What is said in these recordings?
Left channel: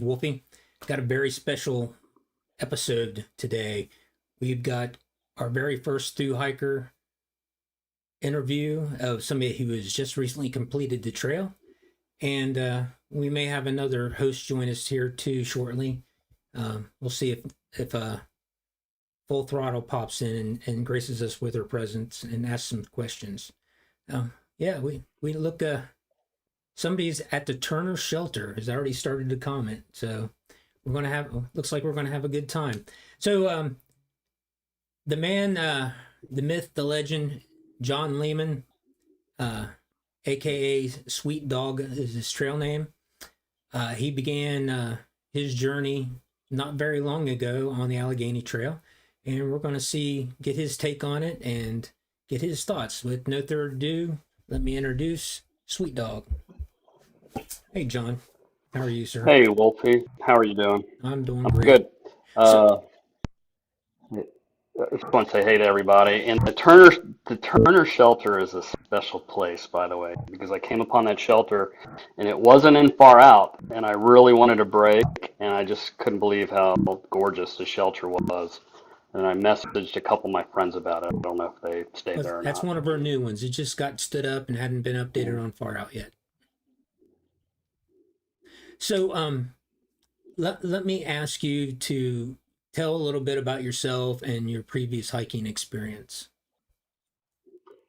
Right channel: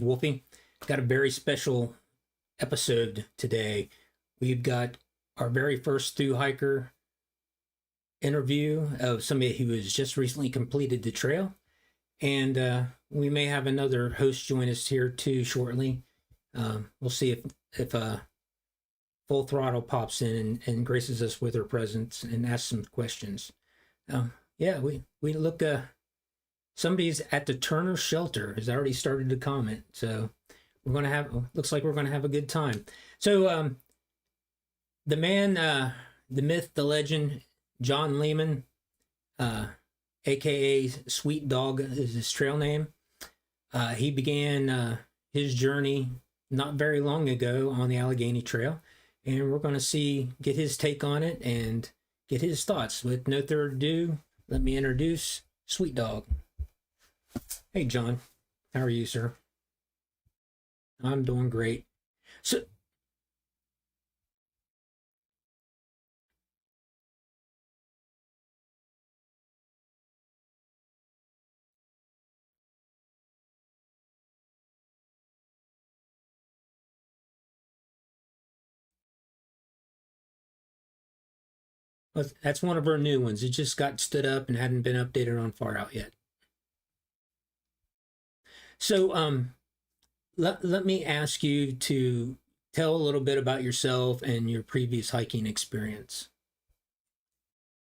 Wolfie. Got a very special episode today. We've got our very first thru-hiker interview of somebody who has just recently completed the trail. And we may have another host join us here too shortly. We'll see if Full Throttle pops in and graces us with her presence and asks some questions. We look. Somebody's at the Turner Shelter has already started to comment, so looks like we're gonna have a good time. So the man, the myth, the legend, John Lehman, aka Sweet Dog is his trail name. He began his journey not very long ago on the Allegheny Trail, and we're going to get his take on it and get his thoughts. With no further ado, let me introduce Sweet Dog. Hey, John. How are you, sir? Hey, Wolfie. How are you doing? I'm doing great. Good. So, I just want to say hey to everybody. And the Turner Shelter is a special place, by the way, because I came upon that shelter and it wasn't in far out, and I really wanted to break, and I just couldn't believe how gorgeous the shelter was. And I messaged a couple of my friends about it. I don't know if they stayed there or that's not. one of our new ones. It just got stood up and hadn't been updated on Far Out yet. So let me ask you to tell a little bit about yourself and your previous hiking experience.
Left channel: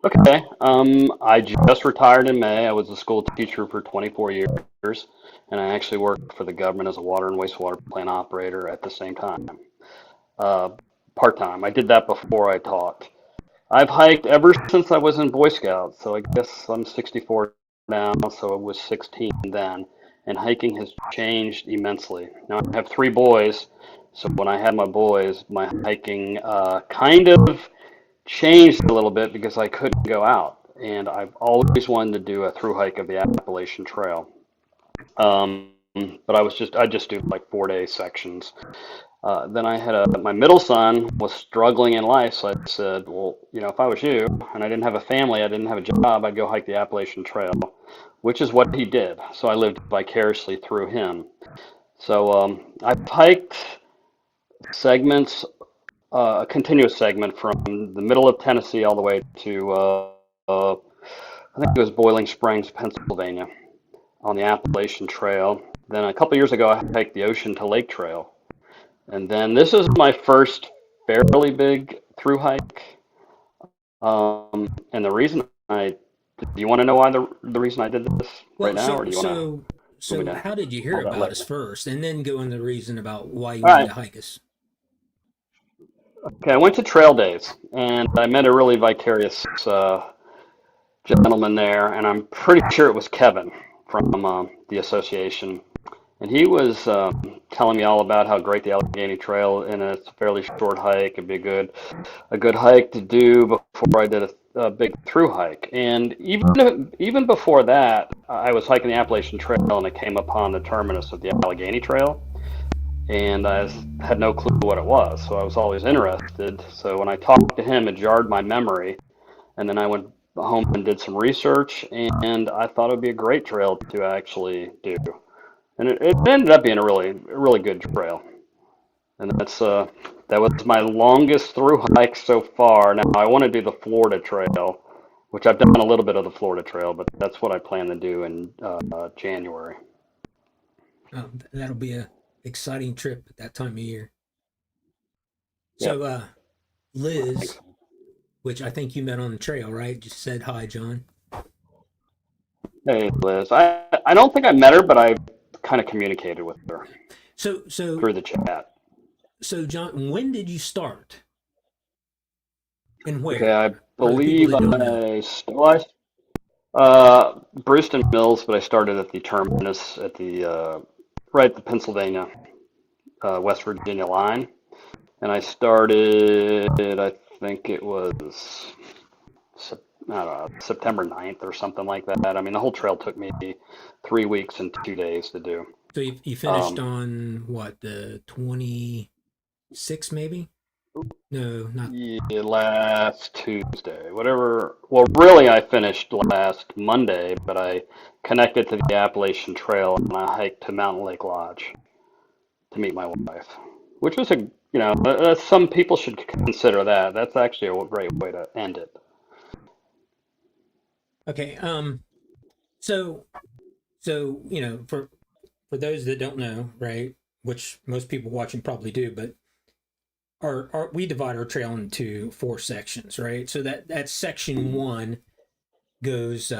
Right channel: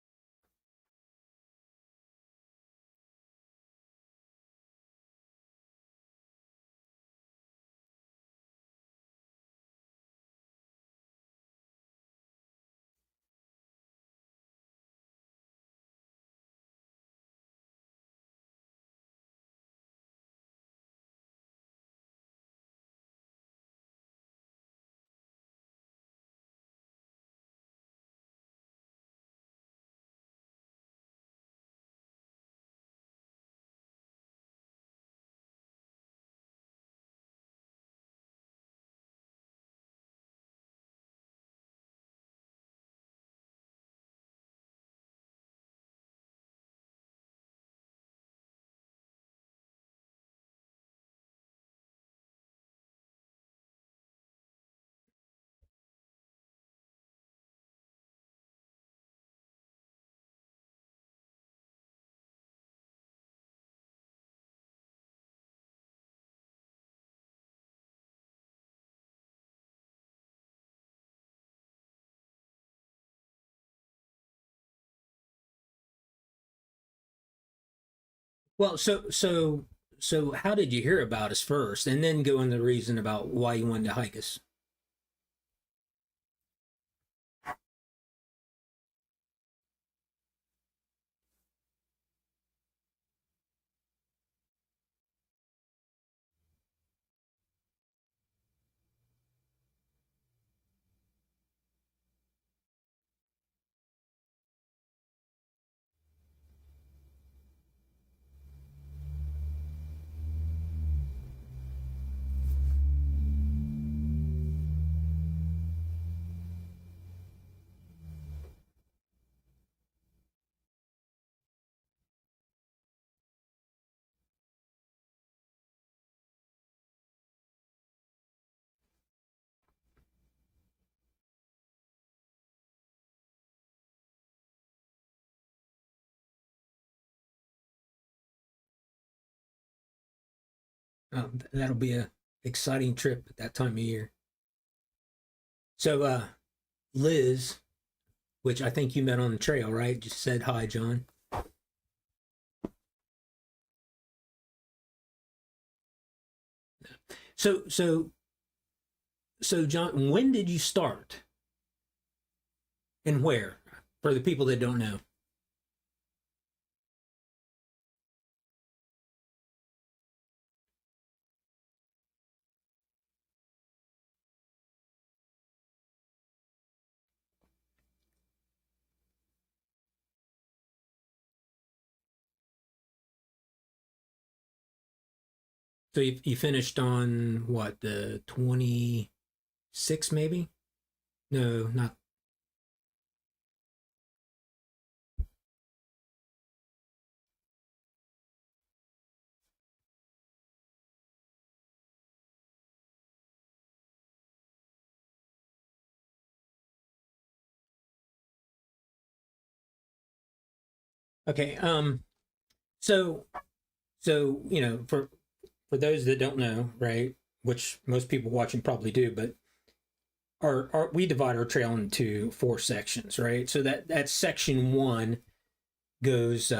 Okay. I just retired in May. I was a school teacher for 24 years, and I actually worked for the government as a water and wastewater plant operator at the same time, part-time. I did that before I taught. I've hiked ever since I was in Boy Scouts, so I guess I'm 64 now, so I was 16 then, and hiking has changed immensely. Now I have three boys, so when I had my boys, my hiking kind of changed a little bit because I couldn't go out, and I've always wanted to do a through hike of the Appalachian Trail. Um, but I just do like 4 day sections. Then my middle son was struggling in life, so I said, well, if I was you and I didn't have a family, I didn't have a job, I'd go hike the Appalachian Trail, which is what he did. So I lived vicariously through him. So I've hiked segments, a continuous segment from the middle of Tennessee all the way to, I think it was Boiling Springs, Pennsylvania, on the Appalachian Trail. Then a couple years ago, I hiked the Ocean to Lake Trail. And then this is my first fairly big through hike. And the reason do you want to know why the reason I did this right now? Or do you So how did you hear about us first, and then go into the reason about why you All wanted right. to hike us? Okay, I went to Trail Days, and I met a really vicarious gentleman there, and I'm pretty sure it was Kevin from the association. And he was telling me all about how great the Allegheny Trail, and it's a fairly short hike. It'd be a good hike to do before I did a big through hike. And even before that, I was hiking the Appalachian Trail, and I came upon the terminus of the Allegheny Trail, and I had no clue what it was. So I was always interested. So when I talked to him, it jarred my memory, and then I went home and did some research, and I thought it would be a great trail to actually do. And it ended up being a really good trail. And that was my longest through hike so far. Now I want to do the Florida Trail, which I've done a little bit of the Florida Trail, but that's what I plan to do in January. That'll be a exciting trip at that time of year. Yeah. So Liz, which I think you met on the trail, right? Just said hi, John. Hey, Liz. I don't think I met her, but I kind of communicated with her So through the chat. So John, when did you start, and where? Okay, I For the people believe that don't know. Brewston Mills, but I started at the terminus at the right at the Pennsylvania West Virginia line, and I started. I think it was I don't know, September 9th or something like that. I mean, the whole trail took me 3 weeks and 2 days to do. So you finished on what, the 26th maybe? No, not. Yeah, last Tuesday, whatever. Well, really, I finished last Monday, but I connected to the Appalachian Trail and I hiked to Mountain Lake Lodge. to meet my wife, which was some people should consider that. That's actually a great way to end it. Okay. So for those that don't know, right, which most people watching probably do, but our we divide our trail into four sections, right? So that section one goes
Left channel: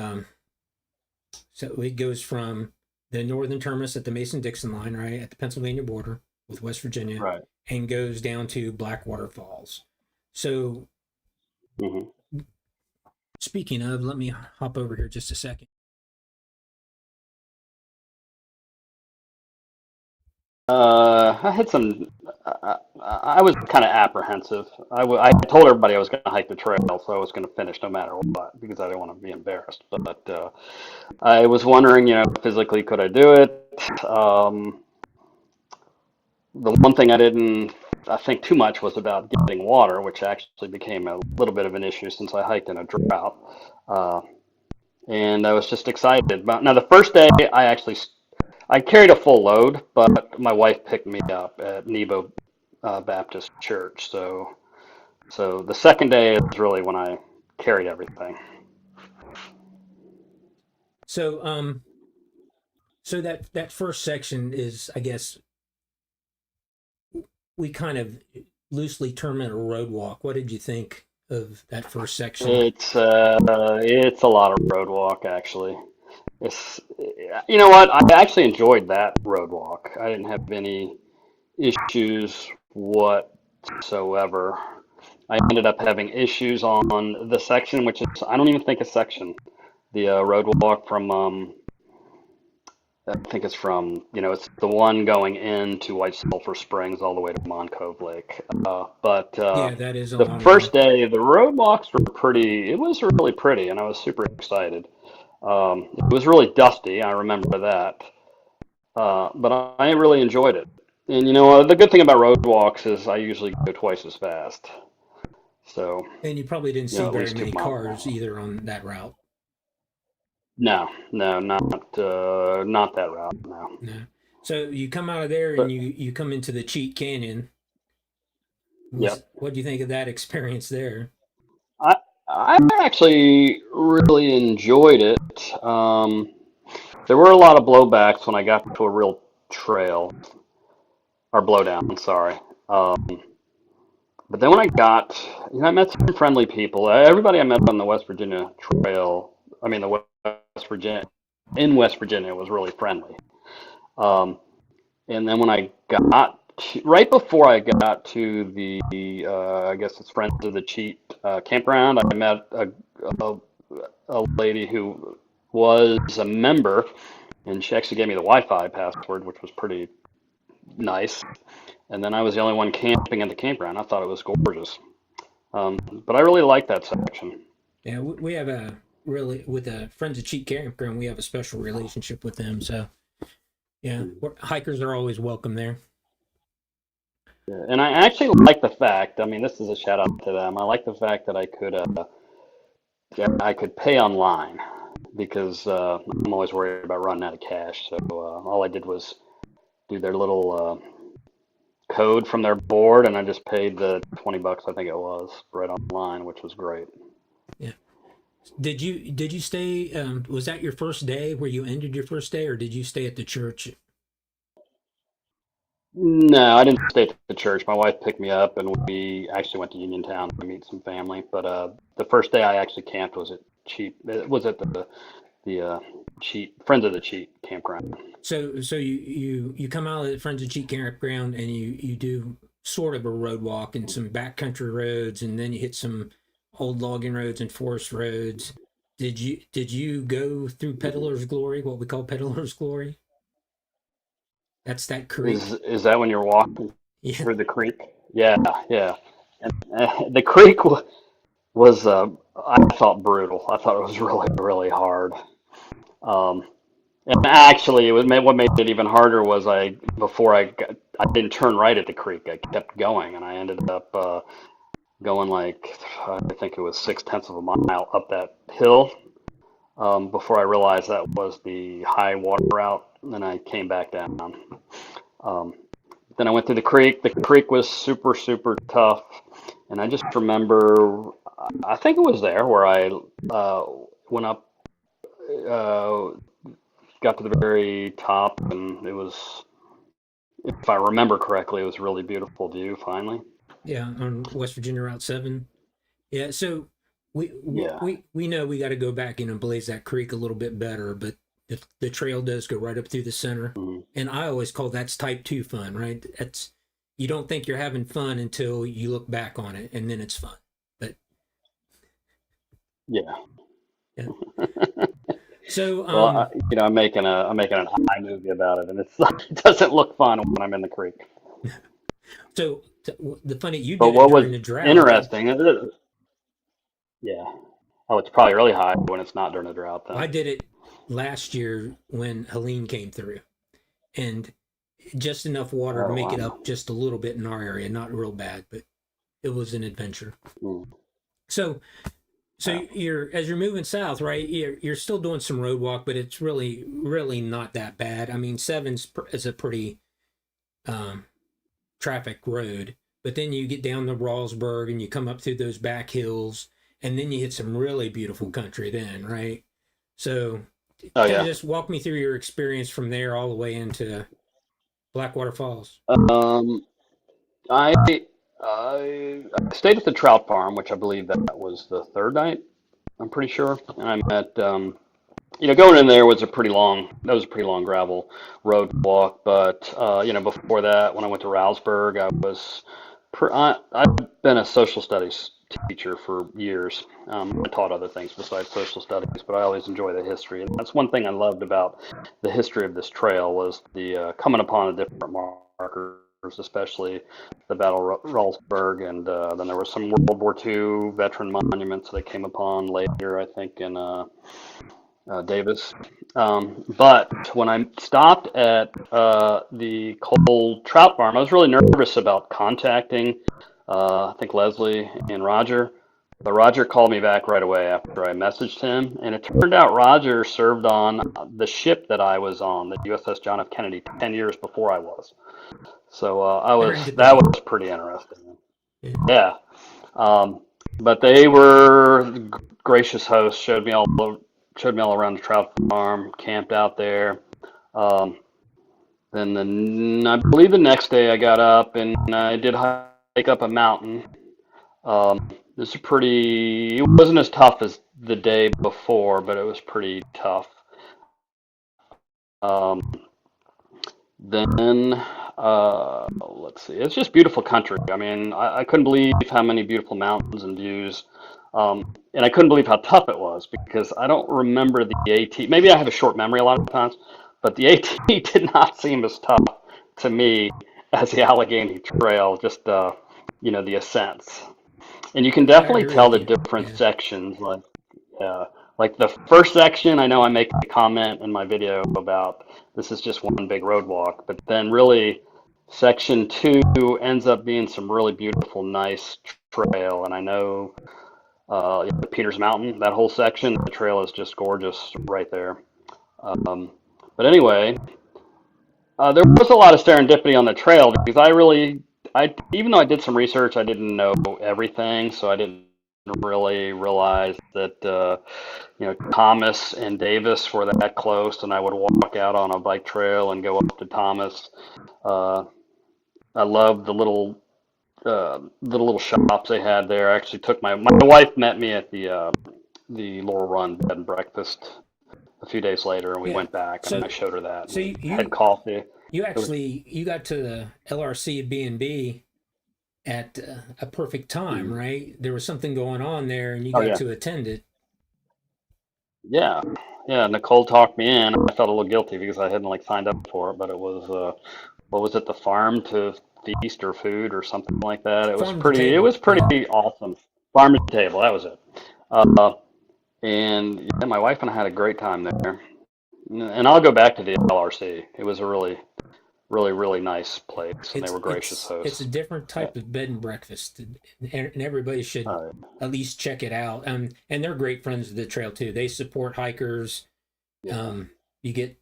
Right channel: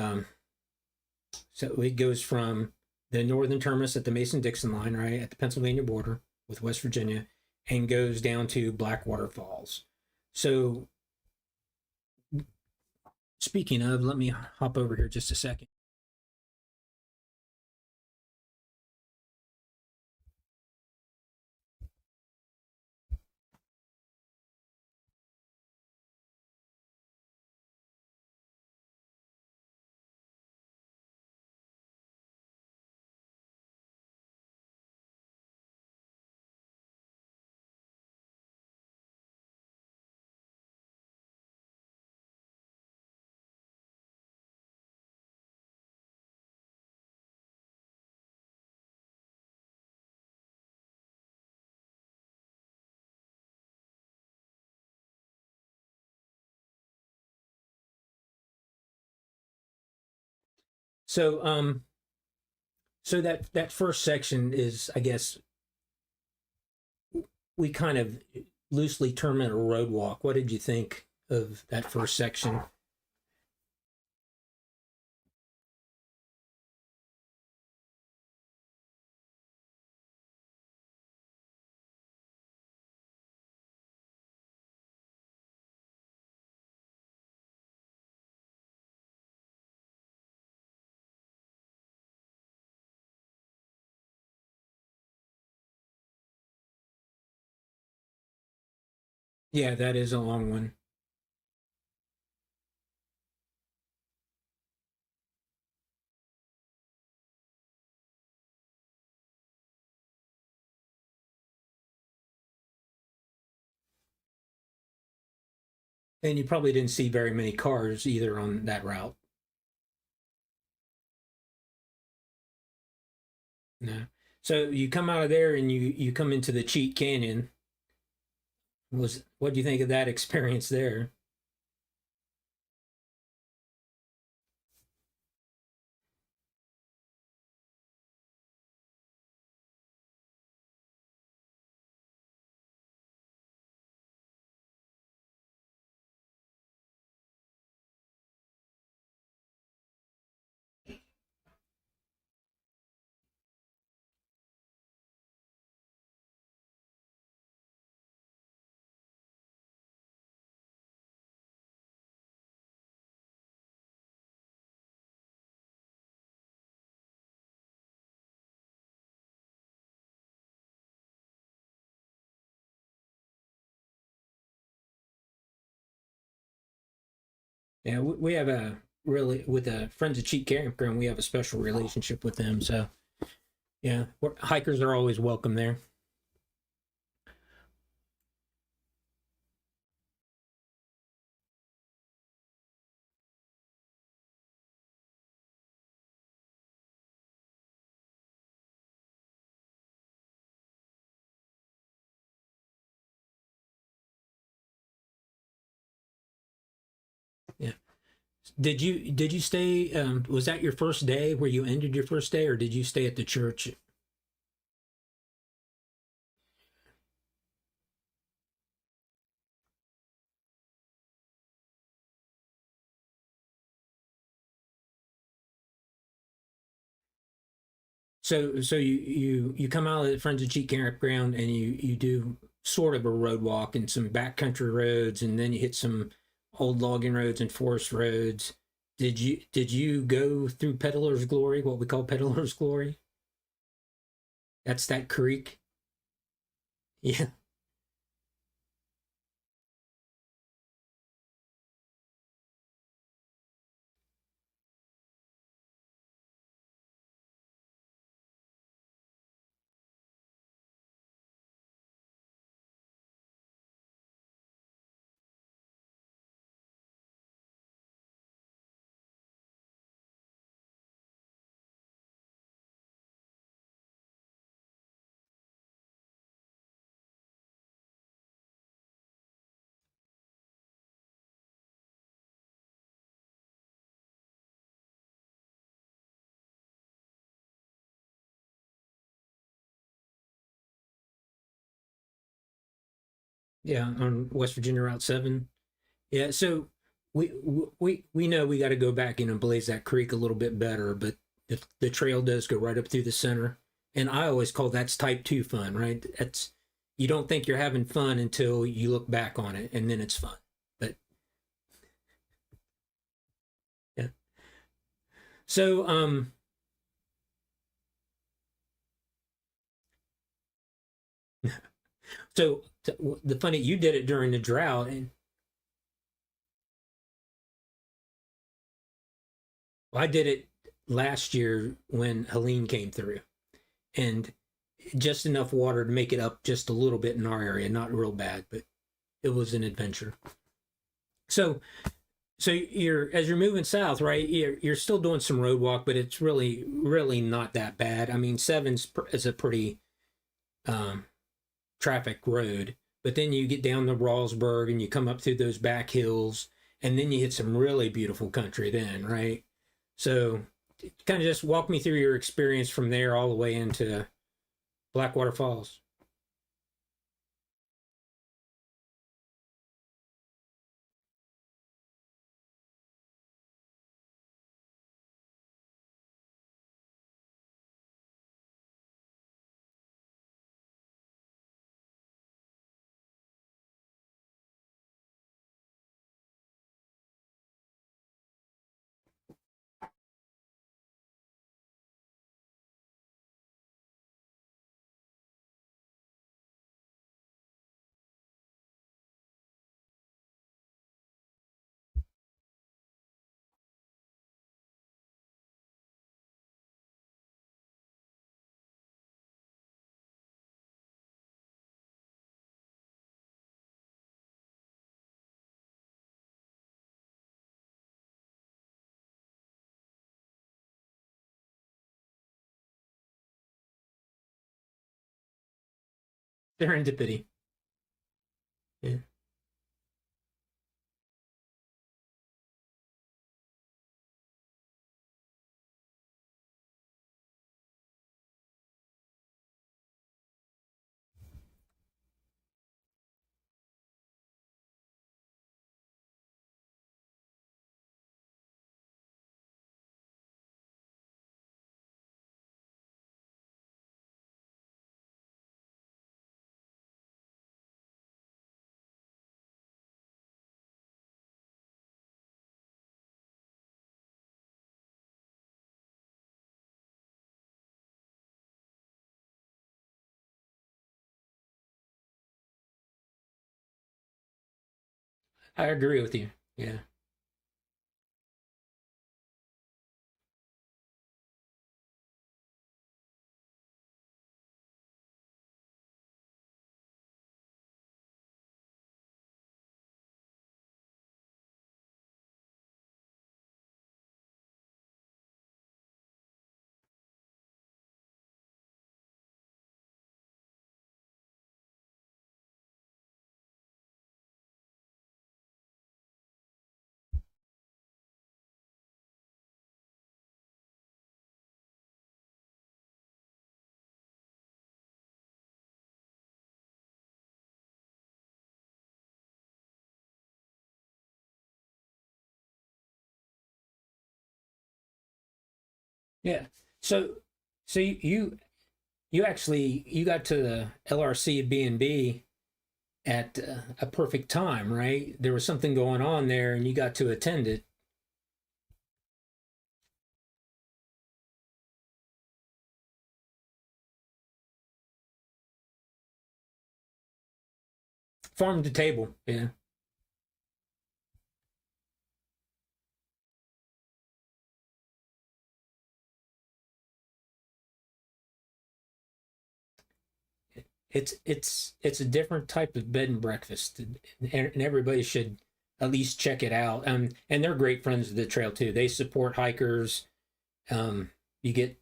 so it goes from the northern terminus at the Mason-Dixon line, right, at the Pennsylvania border with West Virginia, Right. and goes down to Blackwater Falls. So Hmm. speaking of, let me hop over here just a second. I had some. I was kind of apprehensive. I told everybody I was going to hike the trail, so I was going to finish no matter what because I didn't want to be embarrassed. But I was wondering, physically, could I do it? Um, the one thing I think too much was about getting water, which actually became a little bit of an issue since I hiked in a drought. Uh, and I was just excited. Now, the first day, I carried a full load, but my wife picked me up at Nebo Baptist Church. So the second day is really when I carried everything. So so that first section is, I guess, we kind of loosely term it a road walk. What did you think of that first section? It's a lot of road walk actually. It's you know what? I actually enjoyed that road walk. I didn't have any issues whatsoever. I ended up having issues on the section, which is I don't even think a section. The road walk from I think it's from it's the one going into White Sulphur Springs all the way to Moncove Lake. But Yeah, that is a the long first one. day, the road walks were pretty. It was really pretty, and I was super excited. It was really dusty. I remember that. But I really enjoyed it. And the good thing about road walks is I usually go twice as fast. So, And you probably didn't see at very least two many miles. cars either on that route. No, no, not that route. No. No. So you come out of there and But you come into the Cheat Canyon. yep. What do you think of that experience there? I I actually really enjoyed it. There were a lot of blowbacks when I got to a real trail or blowdown. Sorry. Um, but then when I met some friendly people. Everybody I met on the West Virginia Trail, I mean the West Virginia in West Virginia was really friendly. Um, and then when I got right before I got to the I guess it's Friends of the Cheat campground, I met a, a lady who was a member, and she actually gave me the Wi-Fi password, which was pretty nice. And then I was the only one camping at the campground. I thought it was gorgeous. But I really liked that section. Yeah, we have a really with the Friends of Cheat Campground. We have a special relationship with them. So yeah, hikers are always welcome there. Yeah. And I actually like the fact, I mean, this is a shout out to them. I like the fact that I could pay online because I'm always worried about running out of cash. So all I did was do their little code from their board, and I just paid the $20, I think it was, right online, which was great. Yeah. Did you stay? Was that your first day where you ended your first day, or did you stay at the church? No, I didn't stay at the church. My wife picked me up, and we actually went to Uniontown to meet some family. But the first day I actually camped was at Cheat. It was at the Cheat Friends of the Cheat campground. So you come out of the Friends of Cheat Campground and you do sort of a road walk and some backcountry roads, and then you hit some old logging roads and forest roads. Did you go through Peddler's Glory, what we call Peddler's Glory? That's that Is creek. is that when you're walking Yeah. through the creek? Yeah, yeah. And the creek was I thought brutal. I thought it was really really hard. Um, and actually, what made it even harder was I didn't turn right at the creek. I kept going, and I ended up going like I think it was 6/10 of a mile up that hill before I realized that was the high water route. And then I came back down. Um, Then I went through the creek. The creek was super, super tough. And I just remember, I think it was there where I uh, went up, uh, got to the very top, and it was, if I remember correctly, it was a really beautiful view finally. Yeah, on West Virginia Route 7. Yeah, so we Yeah. we know we got to go back in and blaze that creek a little bit better, but the trail does go right up through the center, Mhm. and I always call that's type 2 fun, right? That's you don't think you're having fun until you look back on it, and then it's fun. But Yeah. yeah, so Well, I'm making an movie about it, and it doesn't look fun when I'm in the creek. the funny you But did it what was during the drought. interesting is yeah. Oh, it's probably really high when it's not during a drought then. I did it last year when Helene came through, and just enough water to Oh make it wow. up just a little bit in our area, not real bad, but it was an adventure. Mm, So so yeah. you're moving south, right? You're still doing some road walk, but it's really not that bad. I mean, is a pretty um, traffic road, but then you get down to Rawlsburg and you come up through those back hills, and then you hit some really beautiful country. Then, right? So, Oh kind of yeah. just walk me through your experience from there all the way into Blackwater Falls. Um, I stayed at the trout farm, which I believe that was the third night. I'm pretty sure, and I met going in there was a pretty long that was a pretty long gravel road walk. But before that, when I went to Rouseburg, I've been a social studies teacher for years. I taught other things besides social studies, but I always enjoy the history, and that's one thing I loved about the history of this trail was the coming upon the different markers, especially the Battle of Ralsburg, and then there were some World War II veteran monuments that I came upon later, I think, in Davis. But when I stopped at the Cold Trout Farm, I was really nervous about contacting, I think, Leslie and Roger. But Roger called me back right away after I messaged him, and it turned out Roger served on the ship that I was on, the USS John F. Kennedy, 10 years before I was. So that Serendipity. was pretty interesting. Yeah. Yeah. Um, but they were gracious hosts, showed me all around the trout farm, camped out there. Um, I believe the next day I got up and I did hike up a mountain. This is it wasn't as tough as the day before, but it was pretty tough. Um, then let's see, it's just beautiful country. I mean, I couldn't believe how many beautiful mountains and views. And I couldn't believe how tough it was because I don't remember the AT. Maybe I have a short memory a lot of times, but the AT did not seem as tough to me as the Allegheny Trail, just the ascents. And you can I definitely agree tell with the you. different Yeah. sections. Like the first section, I know I make a comment in my video about this is just one big road walk, but then really section two ends up being some really beautiful, nice trail. And I know Peters Mountain, that whole section, the trail is just gorgeous right there. Um, but anyway, there was a lot of serendipity on the trail because even though I did some research, I didn't know everything, so I didn't really realize that Thomas and Davis were that close, and I would walk out on a bike trail and go up to Thomas. Uh, I loved the little shops they had there. I actually took my wife met me at the Laurel Run bed and breakfast a few days later, and we Yeah. went back, and So I showed her that so and had coffee. you It was, actually you got to the LRC B&B at a perfect time, mm, right? There was something going on there, and you oh got yeah, to attend it. yeah, yeah. Nicole talked me in. I felt a little guilty because I hadn't like signed up for it, but it was what was it, the farm to feast or food or something like that. It was Farm to pretty. It table. was Yeah. pretty awesome. Farm to table. That was it. Uh, and yeah, my wife and I had a great time there. And I'll go back to the LRC. It was a really, really, really nice place, and they were gracious It's a hosts. different Yeah. type of bed and breakfast, and everybody should Uh, at least check it out. And they're great friends of the trail too. They support hikers. yeah. You get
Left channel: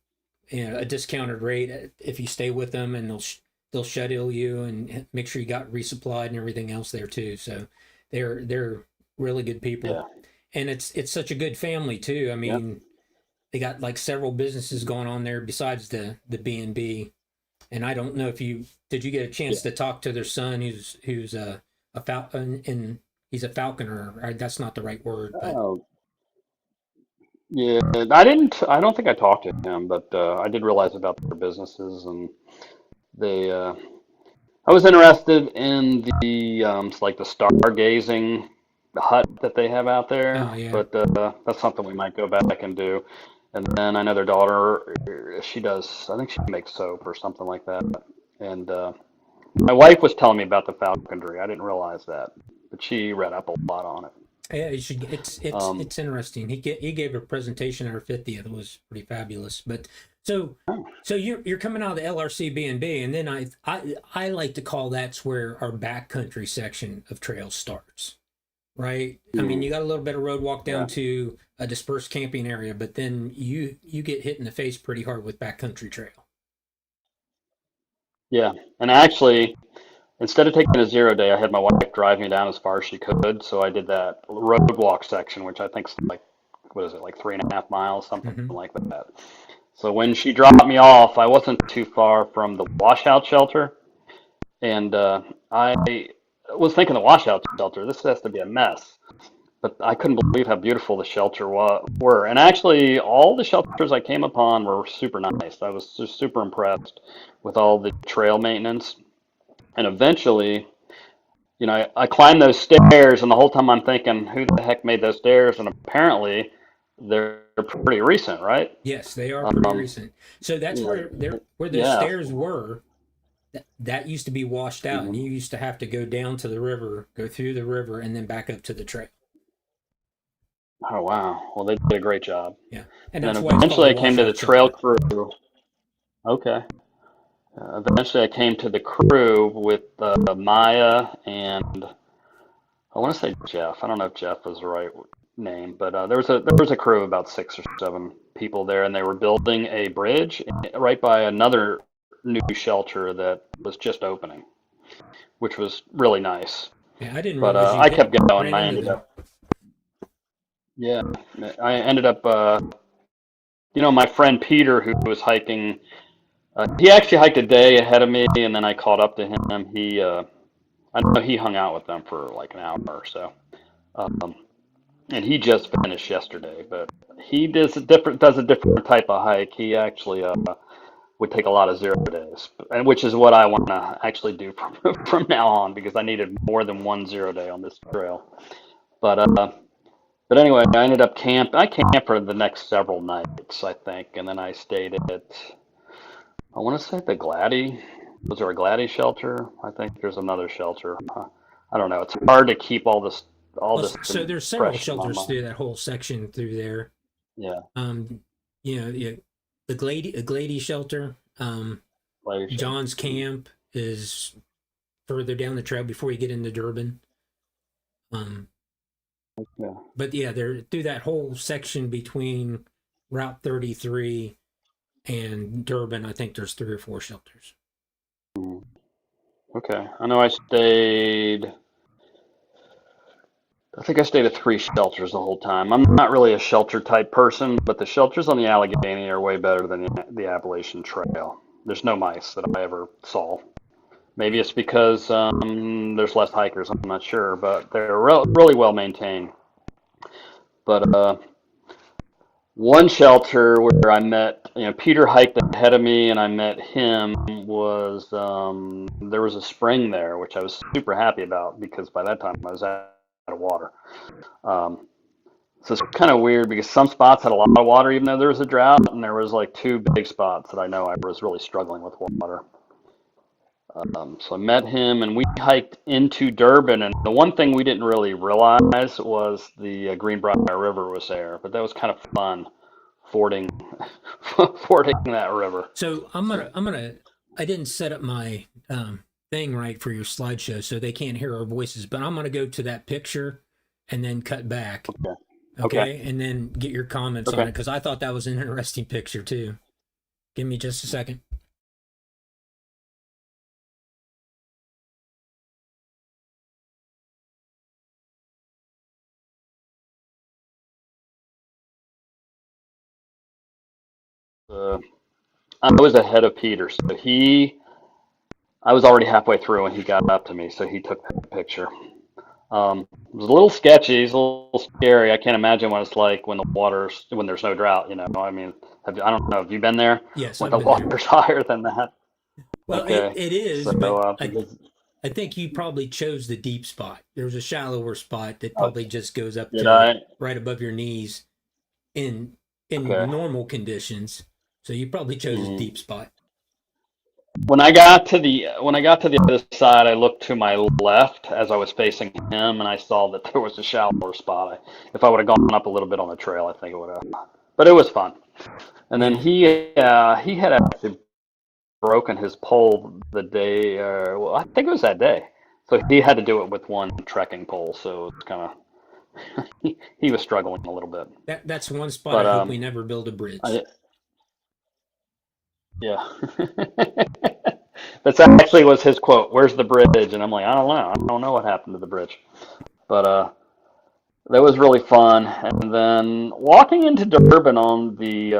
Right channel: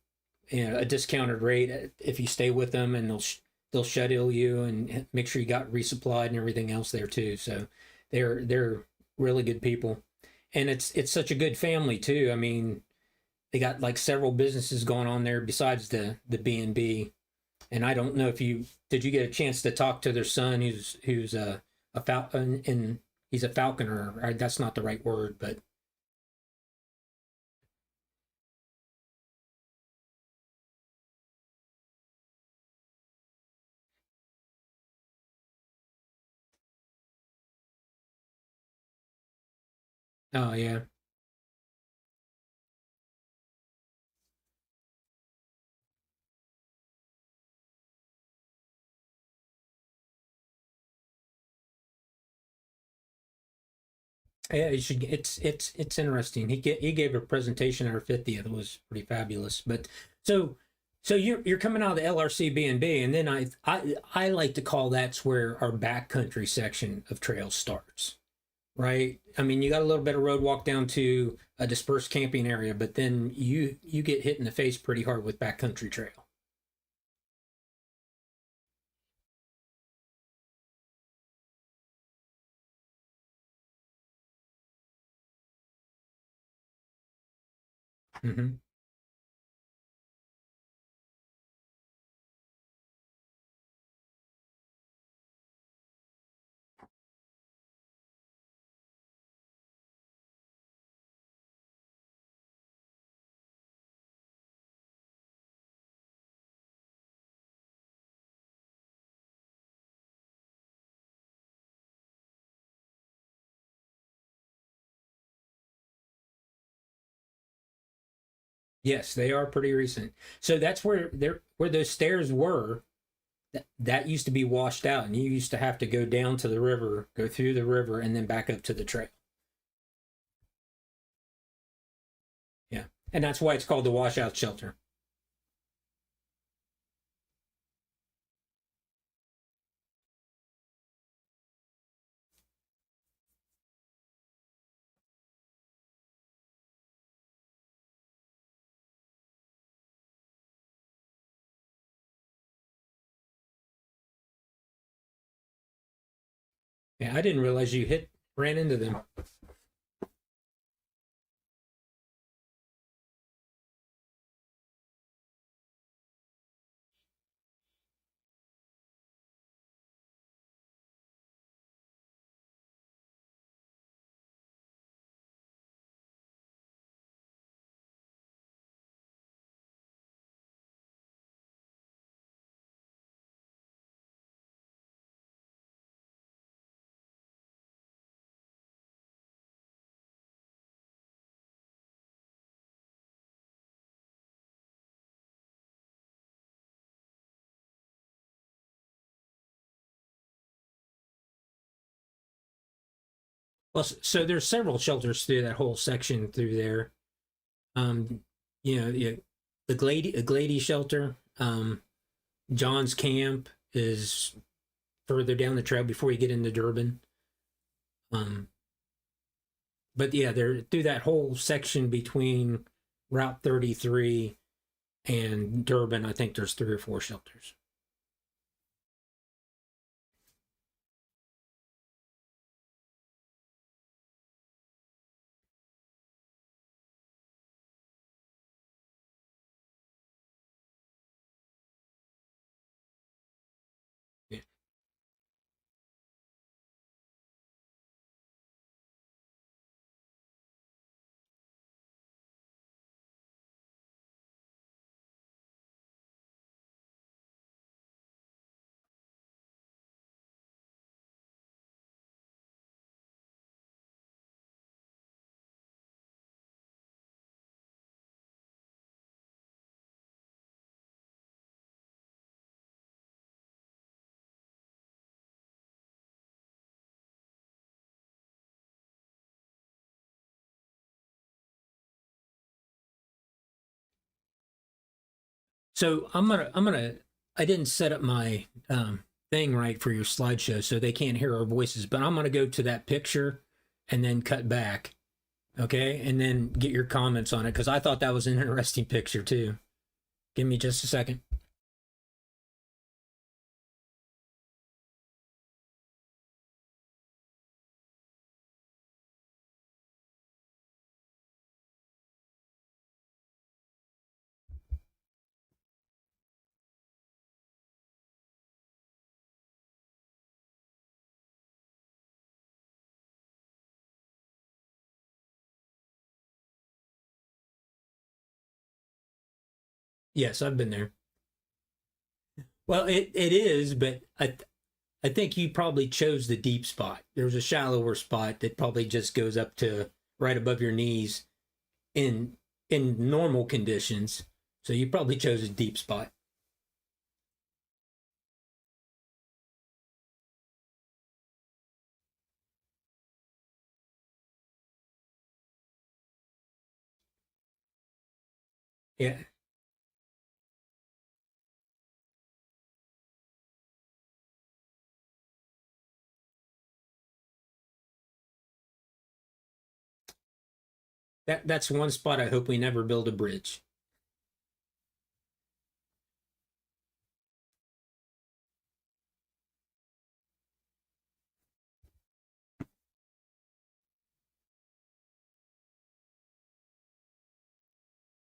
a discounted rate if you stay with them, and they'll schedule you and make sure you got resupplied and everything else there too. So they're really good Yeah. people, and it's such a good family too. I Yep. mean, they got like several businesses going on there besides the B&B. And I don't know if you did you get a chance to talk to their son who's a falcon and he's a falconer. That's not the right word, but Oh, yeah. I didn't. I don't think I talked to him, but I did realize about their businesses, and they. I was interested in the like the stargazing hut that they have out oh there, yeah. but that's something we might go back and do. And then I know their daughter, she does. I think she makes soap or something like that. And my wife was telling me about the falconry. I didn't realize that, but she read up a lot on it. Yeah, you should. Um, It's interesting. He gave a presentation at our 50th. It was pretty fabulous. But so oh, so you're coming out of the LRC B&B, and then I like to call that's where our backcountry section of trails starts. Right. I mean, mm, you got a little bit of road walk yeah, down to a dispersed camping area, but then you get hit in the face pretty hard with backcountry trail. yeah. And actually, instead of taking a 0 day, I had my wife drive me down as far as she could. So I did that road walk section, which I think's like, what is it, like 3.5 miles, something Hmm. like that. So when she dropped me off, I wasn't too far from the washout shelter, and I was thinking the washout shelter, this has to be a mess. But I couldn't believe how beautiful the shelter were. And actually, all the shelters I came upon were super nice. I was just super impressed with all the trail maintenance. And eventually, I climbed those stairs, and the whole time I'm thinking, who the heck made those stairs? And apparently, they're pretty recent, right? Yes, they are pretty Um, recent. So that's yeah, where the yeah. stairs were. That used to be washed out, and Mhm. you used to have to go down to the river, go through the river, and then back up to the trail. Oh, wow. Well, they did a great job. Yeah, and And that's why it's called eventually the I came to the washout trail shelter. crew. Okay. Eventually I came to the crew with Maya and I want to say Jeff. I don't know if Jeff was the right name, but there was a crew of about 6 or 7 people there, and they were building a bridge right by another new shelter that was just opening, which was really nice. Yeah, I didn't But realize you I kept going, and ran I into ended them. up, yeah, I ended up, my friend Peter, who was hiking, he actually hiked a day ahead of me, and then I caught up to him. I know he hung out with them for like an hour or so. Um, and he just finished yesterday, but he does a different type of hike. He actually would take a lot of 0 days, and which is what I want to actually do from now on because I needed more than one 0 day on this trail. But anyway, I ended up I camped for the next several nights, I think, and then I stayed at I want to say the Gladdy. Was there a Gladdy shelter? I think there's another shelter. I don't know. It's hard to keep all Well, this so there's several fresh in my shelters mind. through that whole section through there. Yeah, Um, yeah, the Glady shelter. Gladdy shelter. John's camp is further down the trail before you get into Durban. Um, Yeah. but yeah, they're through that whole section between Route 33 and Durban. I think there's 3 or 4 shelters. Mm. Okay. I know I stayed. I think I stayed at 3 shelters the whole time. I'm not really a shelter type person, but the shelters on the Allegheny are way better than the Appalachian Trail. There's no mice that I ever saw. Maybe it's because there's less hikers. I'm not sure, but they're really well maintained. But one shelter where I met, Peter hiked ahead of me, and I met him was there was a spring there, which I was super happy about because by that time I was out of water. Um, so it's kind of weird because some spots had a lot of water, even though there was a drought, and there was like 2 big spots that I know I was really struggling with water. So I met him, and we hiked into Durban. And the one thing we didn't really realize was the Greenbrier River was there, but that was kind of fun fording fording that river. So I didn't set up my thing right for your slideshow, so they can't hear our voices. But I'm gonna go to that picture and then cut back, Okay. Okay. okay, and then get your comments on Okay. it because I thought that was an interesting picture too. Give me just a second. uh, I was ahead of Peter, so I was already halfway through when he got up to me, so he took the picture. It was a little sketchy, it's a little scary. I can't imagine what it's like when there's no drought, you know. I mean, I don't know, have you been there Yes, when I've the been there. water's higher than that? Well, Okay, it so is, but because I think you probably chose the deep spot. There's a shallower spot that uh, probably just goes up did to I? right above your knees in Okay. normal conditions. So you probably chose a Mhm. deep spot. When I got to the other side, I looked to my left as I was facing him, and I saw that there was a shallower spot. If I would have gone up a little bit on the trail, I think it would have. But it was fun. And then Yeah. he had actually broken his pole the day, well, I think it was that day. So he had to do it with one trekking pole. So it was kind of he was struggling a little bit. That's one spot But I hope we never build a I bridge. yeah. That's actually was his quote. Where's the bridge? And I'm like, I don't know. I don't know what happened to the bridge. But that was really fun. And then walking into Durban on the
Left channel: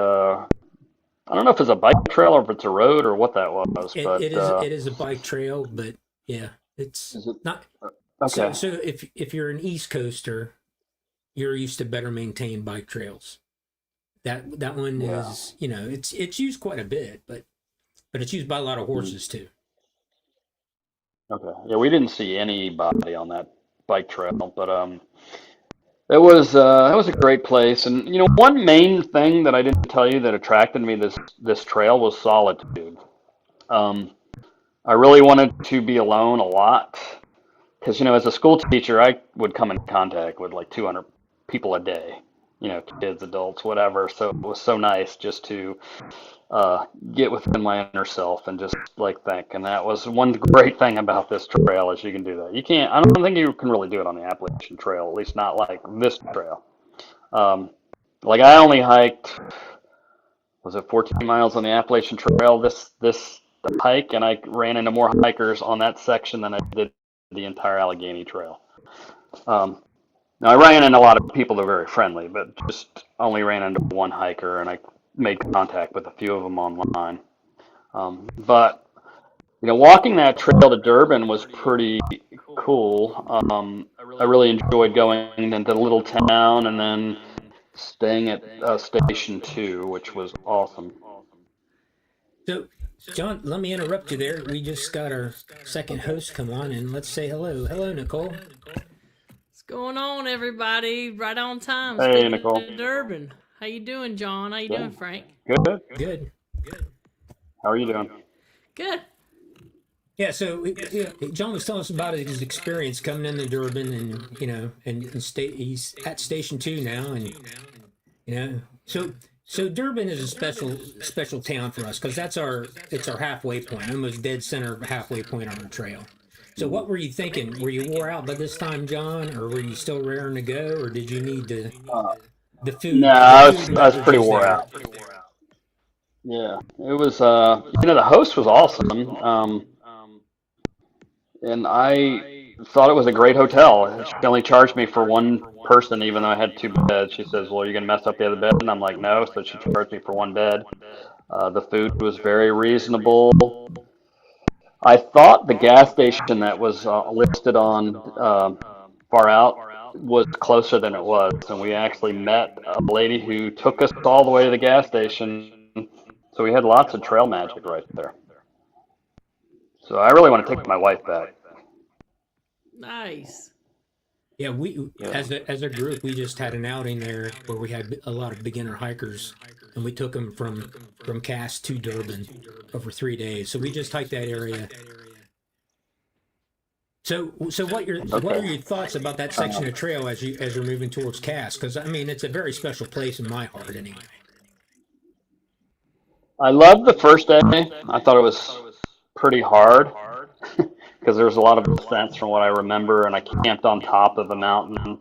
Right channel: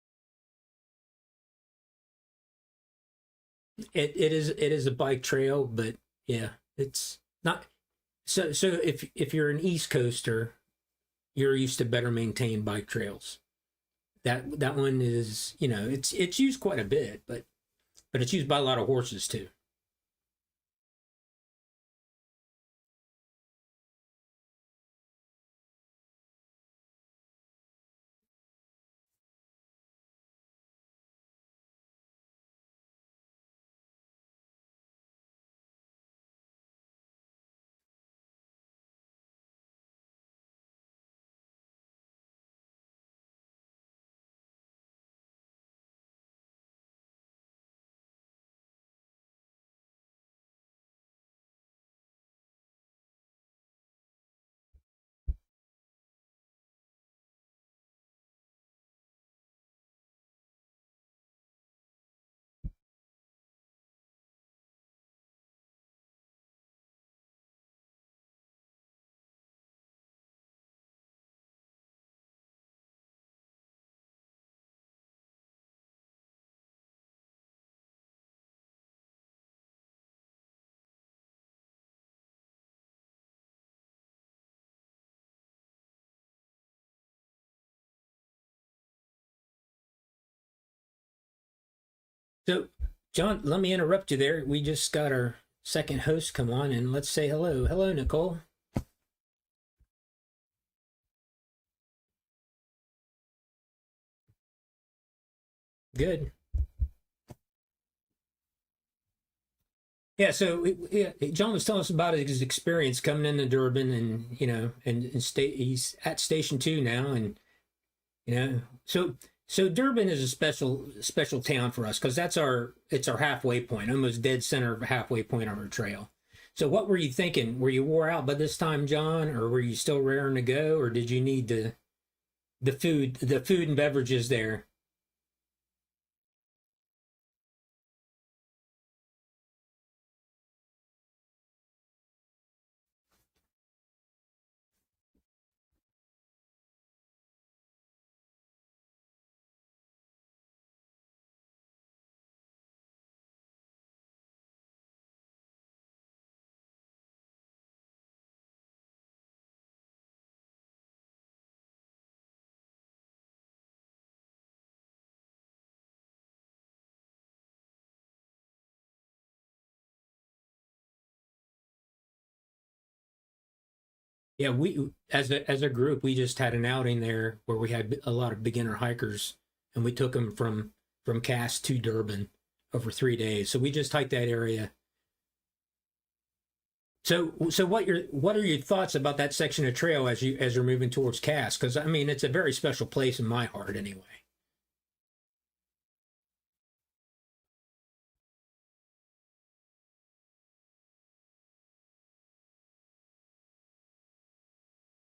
I don't know if it's a bike trail or if it's a road or what that was, but It is a bike trail, but yeah, it's is it not okay? so if you're an East Coaster, you're used to better maintained bike trails. That one Yeah. is, it's used quite a bit, but it's used by a lot of Mm, horses too. okay. Yeah, we didn't see anybody on that bike trail, but it was a great place. And you know, one main thing that I didn't tell you that attracted me this trail was solitude. Um, I really wanted to be alone a lot because, you know, as a school teacher, I would come in contact with like 200 people a day, you know, kids, adults, whatever. So it was so nice just to get within my inner self and just like think. And that was one great thing about this trail is you can do that. You can't, I don't think you can really do it on the Appalachian Trail, at least not like this trail. Um, like I only hiked, was it 14 miles on the Appalachian Trail this hike, and I ran into more hikers on that section than I did the entire Allegheny Trail. Um, Now I ran into a lot of people that were very friendly, but just only ran into one hiker, and I made contact with a few of them online. But you know, walking that trail to Durban was pretty cool. I really enjoyed going into the little town and then staying at Station Two, which was awesome. So, John, let me interrupt you there. We just got our second host come on, and let's say hello. Hello, Nicole. What's going on, everybody? Right on time. Hey, Speaking Nicole. of Durban, how you doing, John? How you Yeah, doing, Frank? good. Good. How are you doing? Good. Yeah. So, yeah, John was telling us about his experience coming into Durban, and he's at Station Two now, and so Durban is a special town for us because it's our halfway point, almost dead center halfway point on our trail. So Mhm. what were you thinking? Were you wore out by this time, John, or were you still raring to go, or did you need Uh, the no, food and I was pretty beverages wore there? out. Yeah, it was. You know, the host was awesome. And I thought it was a great hotel. She only charged me for one person, even though I had two beds. She says, "Well, you're gonna mess up the other bed," and I'm like, "No." So she charged me for one bed. The food was very reasonable. I thought the gas station that was listed on Far Out was closer than it was, and we actually met a lady who took us all the way to the gas station. So we had lots of trail magic right there. So I really want to take my wife back. Nice. Yeah, we Yeah. as a group we just had an outing there where we had a lot of beginner hikers, and we took them from Cass to Durban over 3 days. So we just hiked that area. So what Okay. are your thoughts about that section of trail as you're moving towards Cass? Because I mean, it's a very special place in my heart, anyway. I loved the first day. I thought it was pretty hard because there was a lot of ascents from what I remember, and I camped on top of a mountain.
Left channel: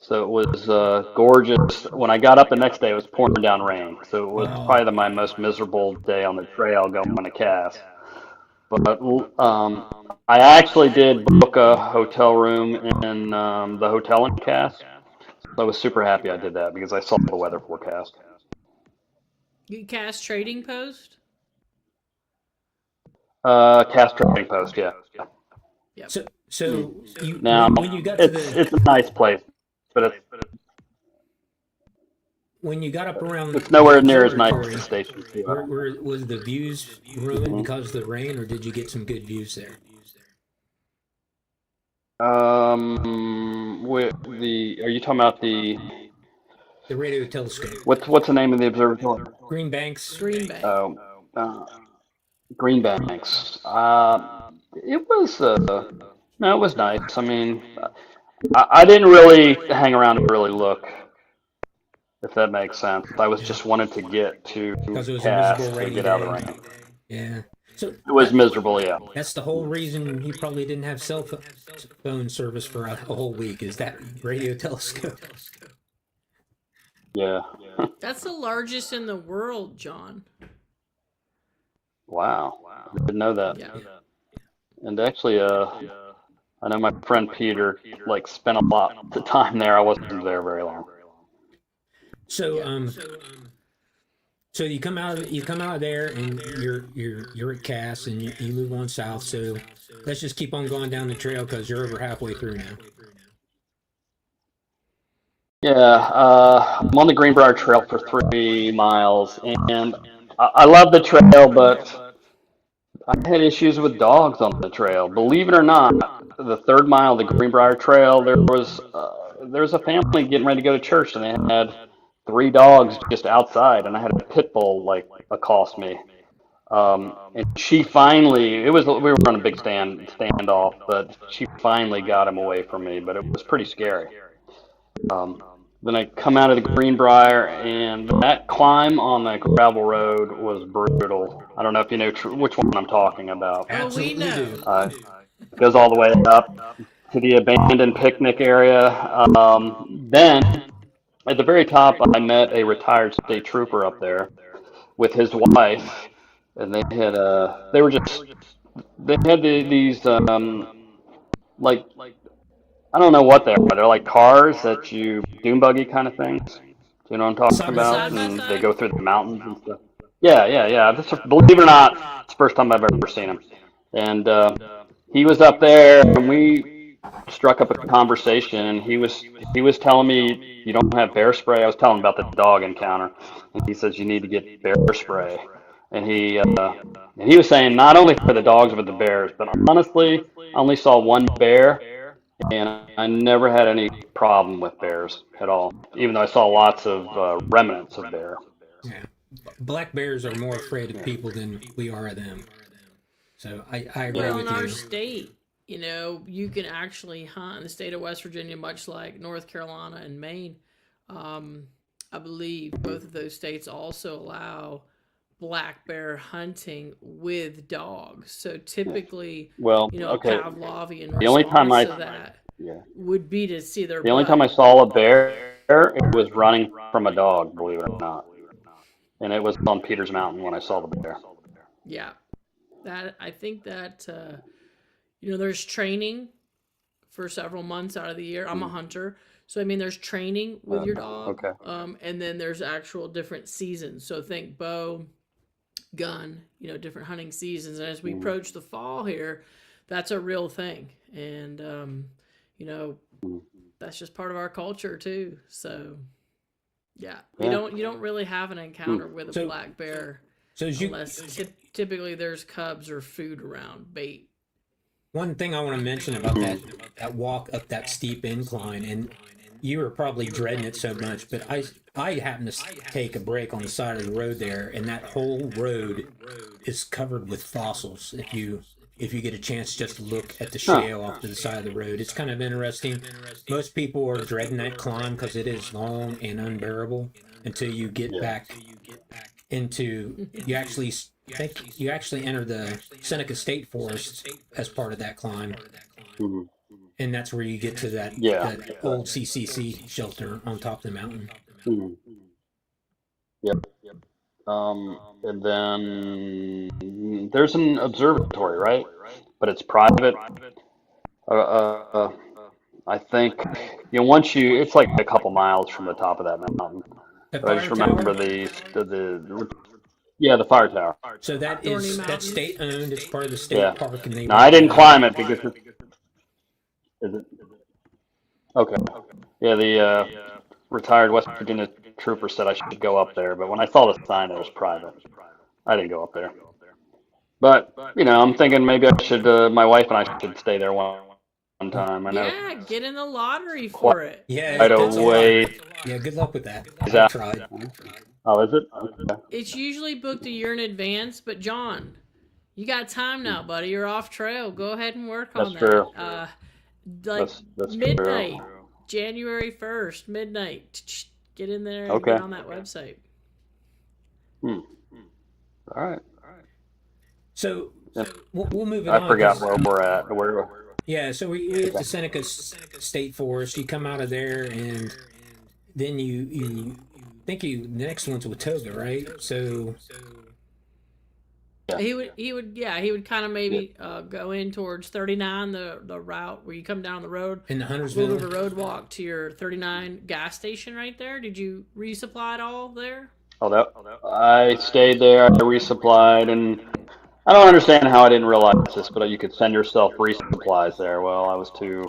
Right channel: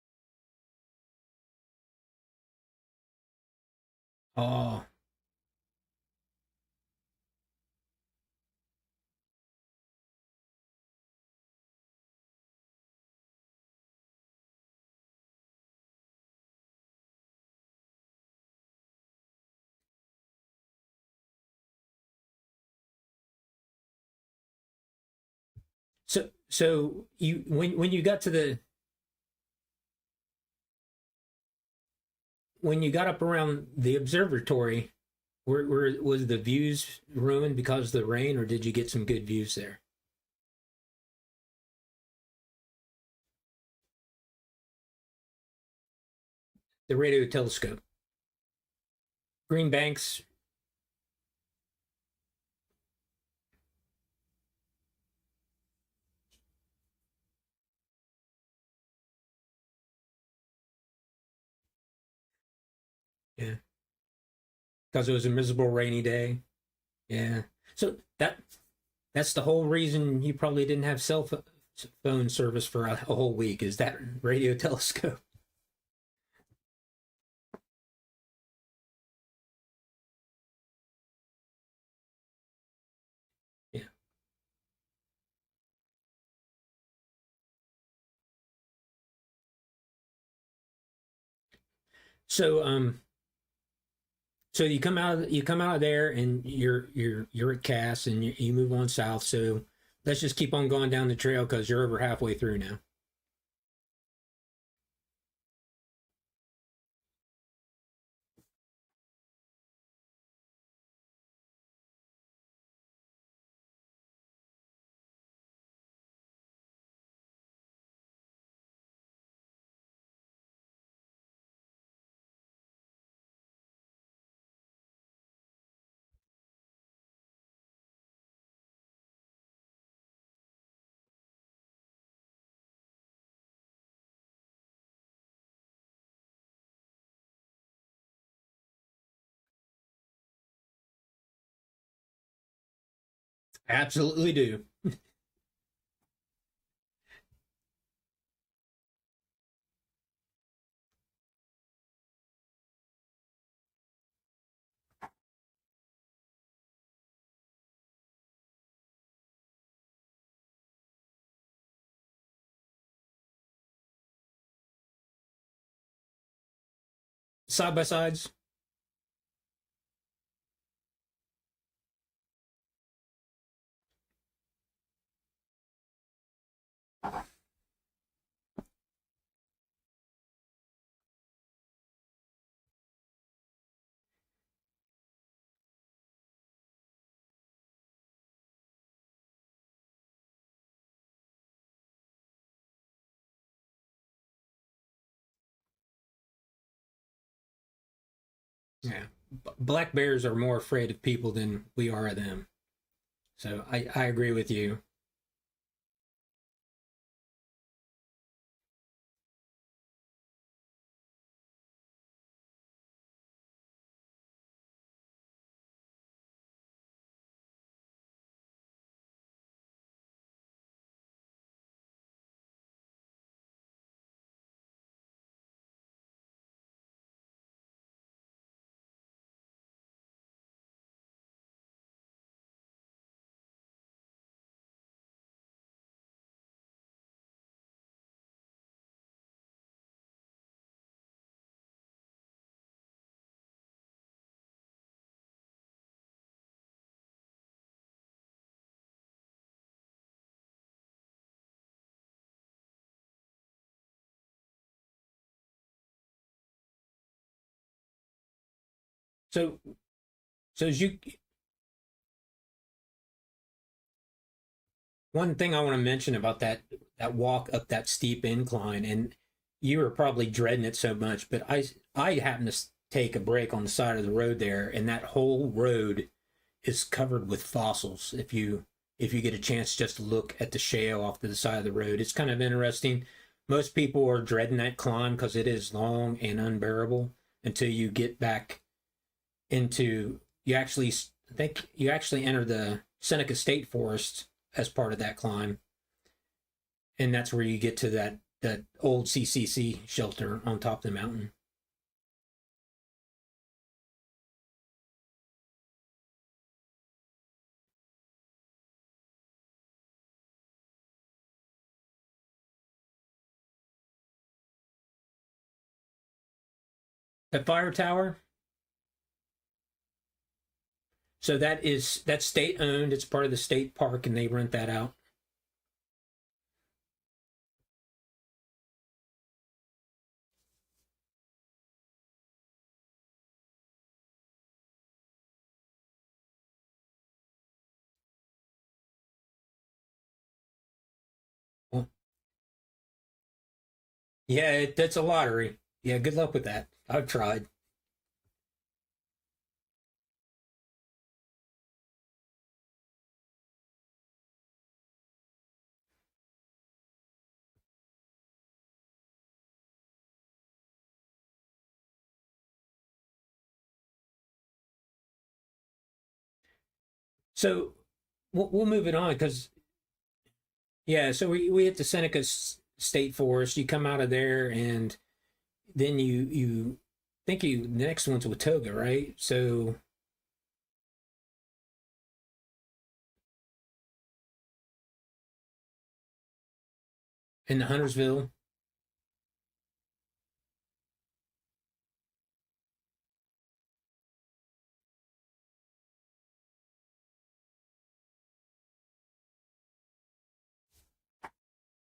So it was gorgeous. When I got up the next day, it was pouring down rain. So it was Oh, probably my most miserable day on the trail going to Cass. But I actually did book a hotel room in the hotel in Cass. So I was super happy I did that because I saw the weather forecast. You cast trading post? Cast trading post, yeah. Yep. So you Now, when you got to the it's a nice place, but when you got up around it's the nowhere near as nice as observatory, Station 2. where was the views ruined Mhm. because of the rain, or did you get some good views there? Are you talking about The radio telescope, what's the name of the observatory? Green Banks. Green Bay. Oh, uh, Green Banks. It was no, it was nice. I mean, I didn't really hang around to really look, if that makes sense. I was Yeah, just wanted to get to because it was a miserable cast to rainy get out of the day. rain. Yeah. So It was miserable, yeah. that's the whole reason you probably didn't have phone service for a whole week, is that radio telescope. Yeah. That's the largest in the world, John. Wow. I didn't know that. Yeah. Yeah. And actually, I know my friend Peter like spent a lot of time there. I wasn't there very long. So so you come out of there and you're at Cass and you move on south. So let's just keep on going down the trail because you're over halfway through now. Yeah, I'm on the Greenbrier Trail for 3 miles, and I love the trail, but I had issues with dogs on the trail. Believe it or not, the third mile of the Greenbrier Trail, there was a family getting ready to go to church, and they had 3 dogs just outside, and I had a pit bull like accost me. And she finally, we were on a big standoff, but she finally got him away from me, but it was pretty scary. Um, then I come out of the Greenbrier, and that climb on the gravel road was brutal. I don't know if you know which one I'm talking about. Oh, we Absolutely know. do. It goes all the way up to the abandoned picnic area. Then at the very top, I met a retired state trooper up there with his wife, and they had these like I don't know what they are. They're like cars that you dune buggy kind of things. You know what I'm talking Side by about? Side side. by And they side? go through the mountains and stuff. Yeah, yeah, yeah. Believe it or not, it's the first time I've ever seen him. And he was up there, and we struck up a conversation. And he was telling me you don't have bear spray. I was telling him about the dog encounter, and he says you need to get bear spray. And he was saying not only for the dogs but the bears. But honestly, I only saw one bear, and I never had any problem with bears at all, even though I saw lots of remnants of bear. Yeah. Black bears are more afraid of people than we are of them. So I agree Well, in with our you. state, you can actually hunt in the state of West Virginia, much like North Carolina and Maine. Um, I believe both of those states also allow black bear hunting with dogs. So typically, Well, a okay. Pavlovian The only time response I to that yeah, would be to see their the only butt. time I saw a bear, it was running from a dog, believe it or not, and it was on Peters Mountain when I saw the bear. Yeah, that I think that there's training for several months out of the year. I'm a Mm. hunter, so I mean, there's training with your dog, Okay. and then there's actual different seasons. So think bow, gun, different hunting seasons. And as we Mm. approach the fall here, that's a real thing, and you know, Mm. that's just part of our culture too. So yeah, Yeah. you don't really have an Mm. encounter with a So black bear so as you unless typically there's cubs or food around, bait. one thing I want to mention about Mm. that walk up that steep incline, and you were probably dreading it so much, but I happened to take a break on the side of the road there, and that whole road is covered with fossils. If you get a chance just to look at the Huh. shale off to the side of the road, it's kind of interesting. Most people are dreading that climb because it is long and unbearable until you get Yeah. back into I think you actually enter the Seneca State Forest as part of that climb, Mhm. and that's where you get to Yeah. that old CCC shelter on top of the mountain. Mhm. Yep. And then there's an observatory, right? But it's private. Uh, uh, I think once it's like a couple miles from the top of that mountain. A But I fire just remember tower. yeah, the fire tower. So Thorny that's Mountain. state owned. It's part of the Yeah. state park, and they Now I rent that didn't out. climb it because is it okay? Yeah, the retired West Virginia trooper said I should go up there, but when I saw the sign, it was private. I didn't go up there. But I'm thinking maybe I should. My wife and I should stay there one time. I know Yeah, get in the lottery quite for it. Yeah, that's a a lottery. ways Yeah, good luck with that. I've out. tried. Oh, is it? Okay. It's usually booked a year in advance, but John, you got time now, buddy. You're off trail. Go ahead and work That's on that. true. Like That's true. midnight, January 1st, midnight. Get in there and get Okay. on that website. Hmm. All right. So Yeah. we'll move it I on forgot because where we're at. Where? yeah. So we hit the Seneca State Forest. You come out of there, and then you think the next one's Watauga, right? So Yeah. He would kind of maybe go in towards 39, the route where you come down the road, in the a little Huntersville. bit of a road walk to your 39 gas station right there. Did you resupply it all there? Oh, that I stayed there. I resupplied, and I don't understand how I didn't realize this, but you could send yourself resupplies there. Well, I was too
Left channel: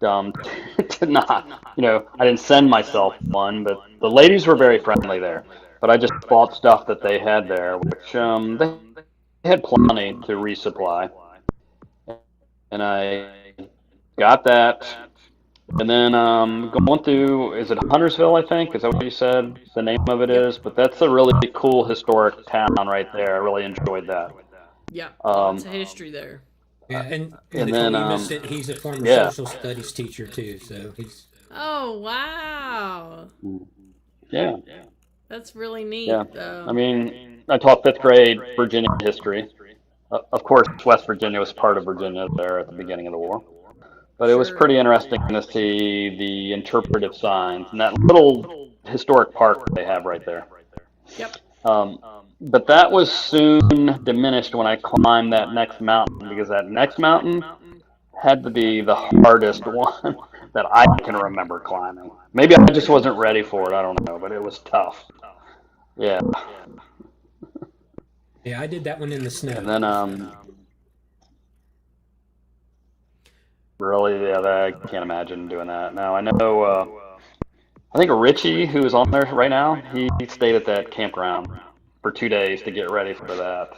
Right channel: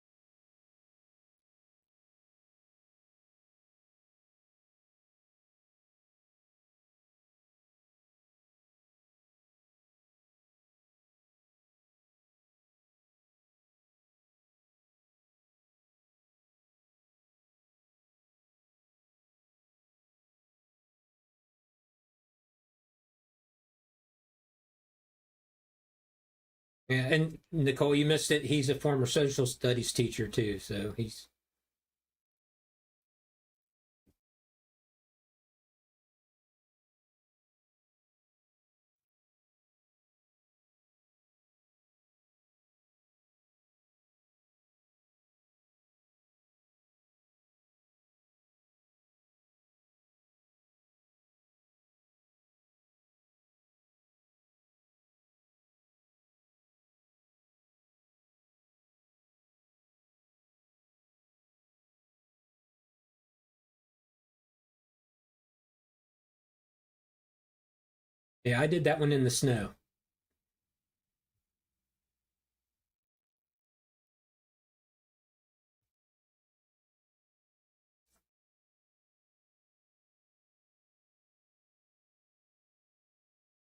dumb to not. I didn't send myself one, but the ladies were very friendly there. But I just bought stuff that they had there, which they had plenty to resupply, and I got that. And then going through, is it Huntersville, I think? Is that what you said the name of it Yep. is? But that's a really cool historic town right there. I really enjoyed that. Yep. Um, Lots of history there. Yeah, and and Nicole, then you missed it. He's a former yeah, social studies teacher too, so he's Oh, wow. yeah, That's really neat. yeah. I mean, I taught fifth grade Virginia history. Of course, West Virginia was part of Virginia there at the beginning of the war. But it was Sure. pretty interesting to see the interpretive signs and that little historic park they have right there. Yep. Um, but that was soon diminished when I climbed that next mountain because that next mountain had to be the hardest one that I can remember climbing. Maybe I just wasn't ready for it. I don't know, but it was tough. Yeah. yeah. I did that one in the snow. And then really, yeah, I can't imagine doing that. Now I know. I think Richie, who is on there right now, he stayed at that campground for 2 days to get ready for that.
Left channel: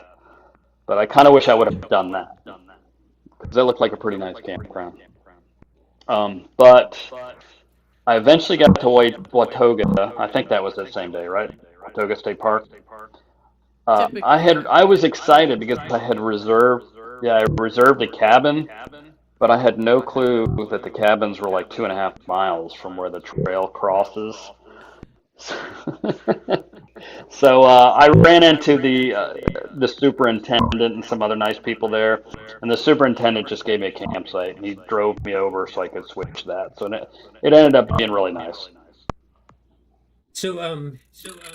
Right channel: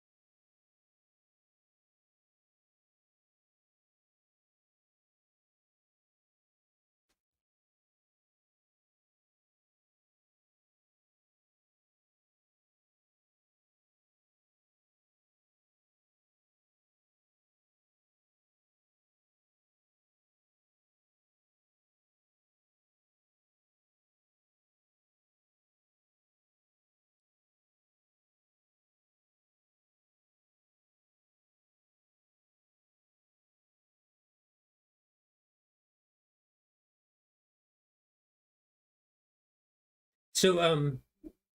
But I kind of wish I would have done that because that looked like a pretty nice campground. But I eventually got to Watauga. I think that was the same day, right? Watauga State Park. Typically. I was excited because I had reserved, yeah, I reserved a cabin, but I had no clue that the cabins were like 2.5 miles from where the trail crosses. So I ran into the superintendent and some other nice people there, and the superintendent just gave me a campsite, and he drove me over so I could switch that. So it ended up being really nice. So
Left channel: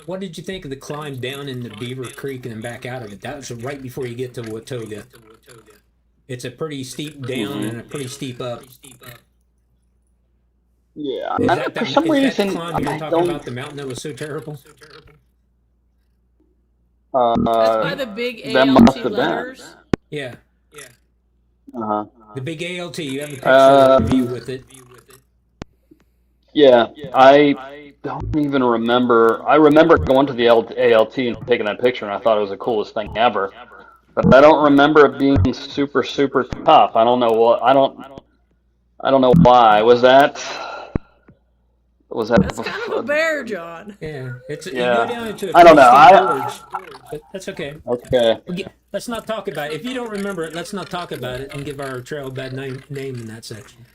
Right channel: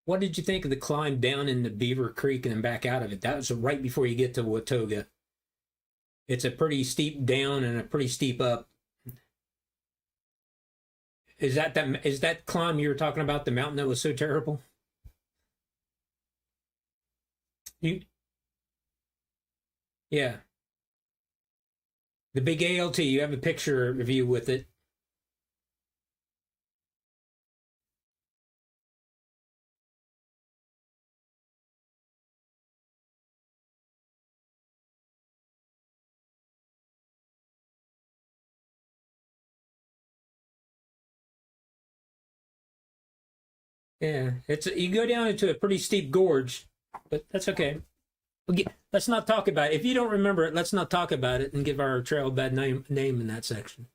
what did you think of the climb down in the Beaver Creek and then back out of it? That was right before you get to Watauga. It's a pretty steep down and a pretty steep up. Yeah, Is that for some is that reason climb you were I talking don't. about, the mountain that was so terrible? That's by Uh, the big that must ALT have been. letters. Yeah, Uh-huh. the big ALT. You have a picture of you Um, with it. yeah, I don't even remember. I remember going to the ALT and taking that picture, and I thought it was the coolest thing ever. But I don't remember it being super, super tough. I don't know what. I don't know why. Was that? That's kind of a bear, John. Yeah, it's you go Yeah. down into a I don't pretty know. steep gorge, but that's okay. Okay. Let's not talk about it. If you don't remember it, let's not talk about it and give our trail a bad name in that section.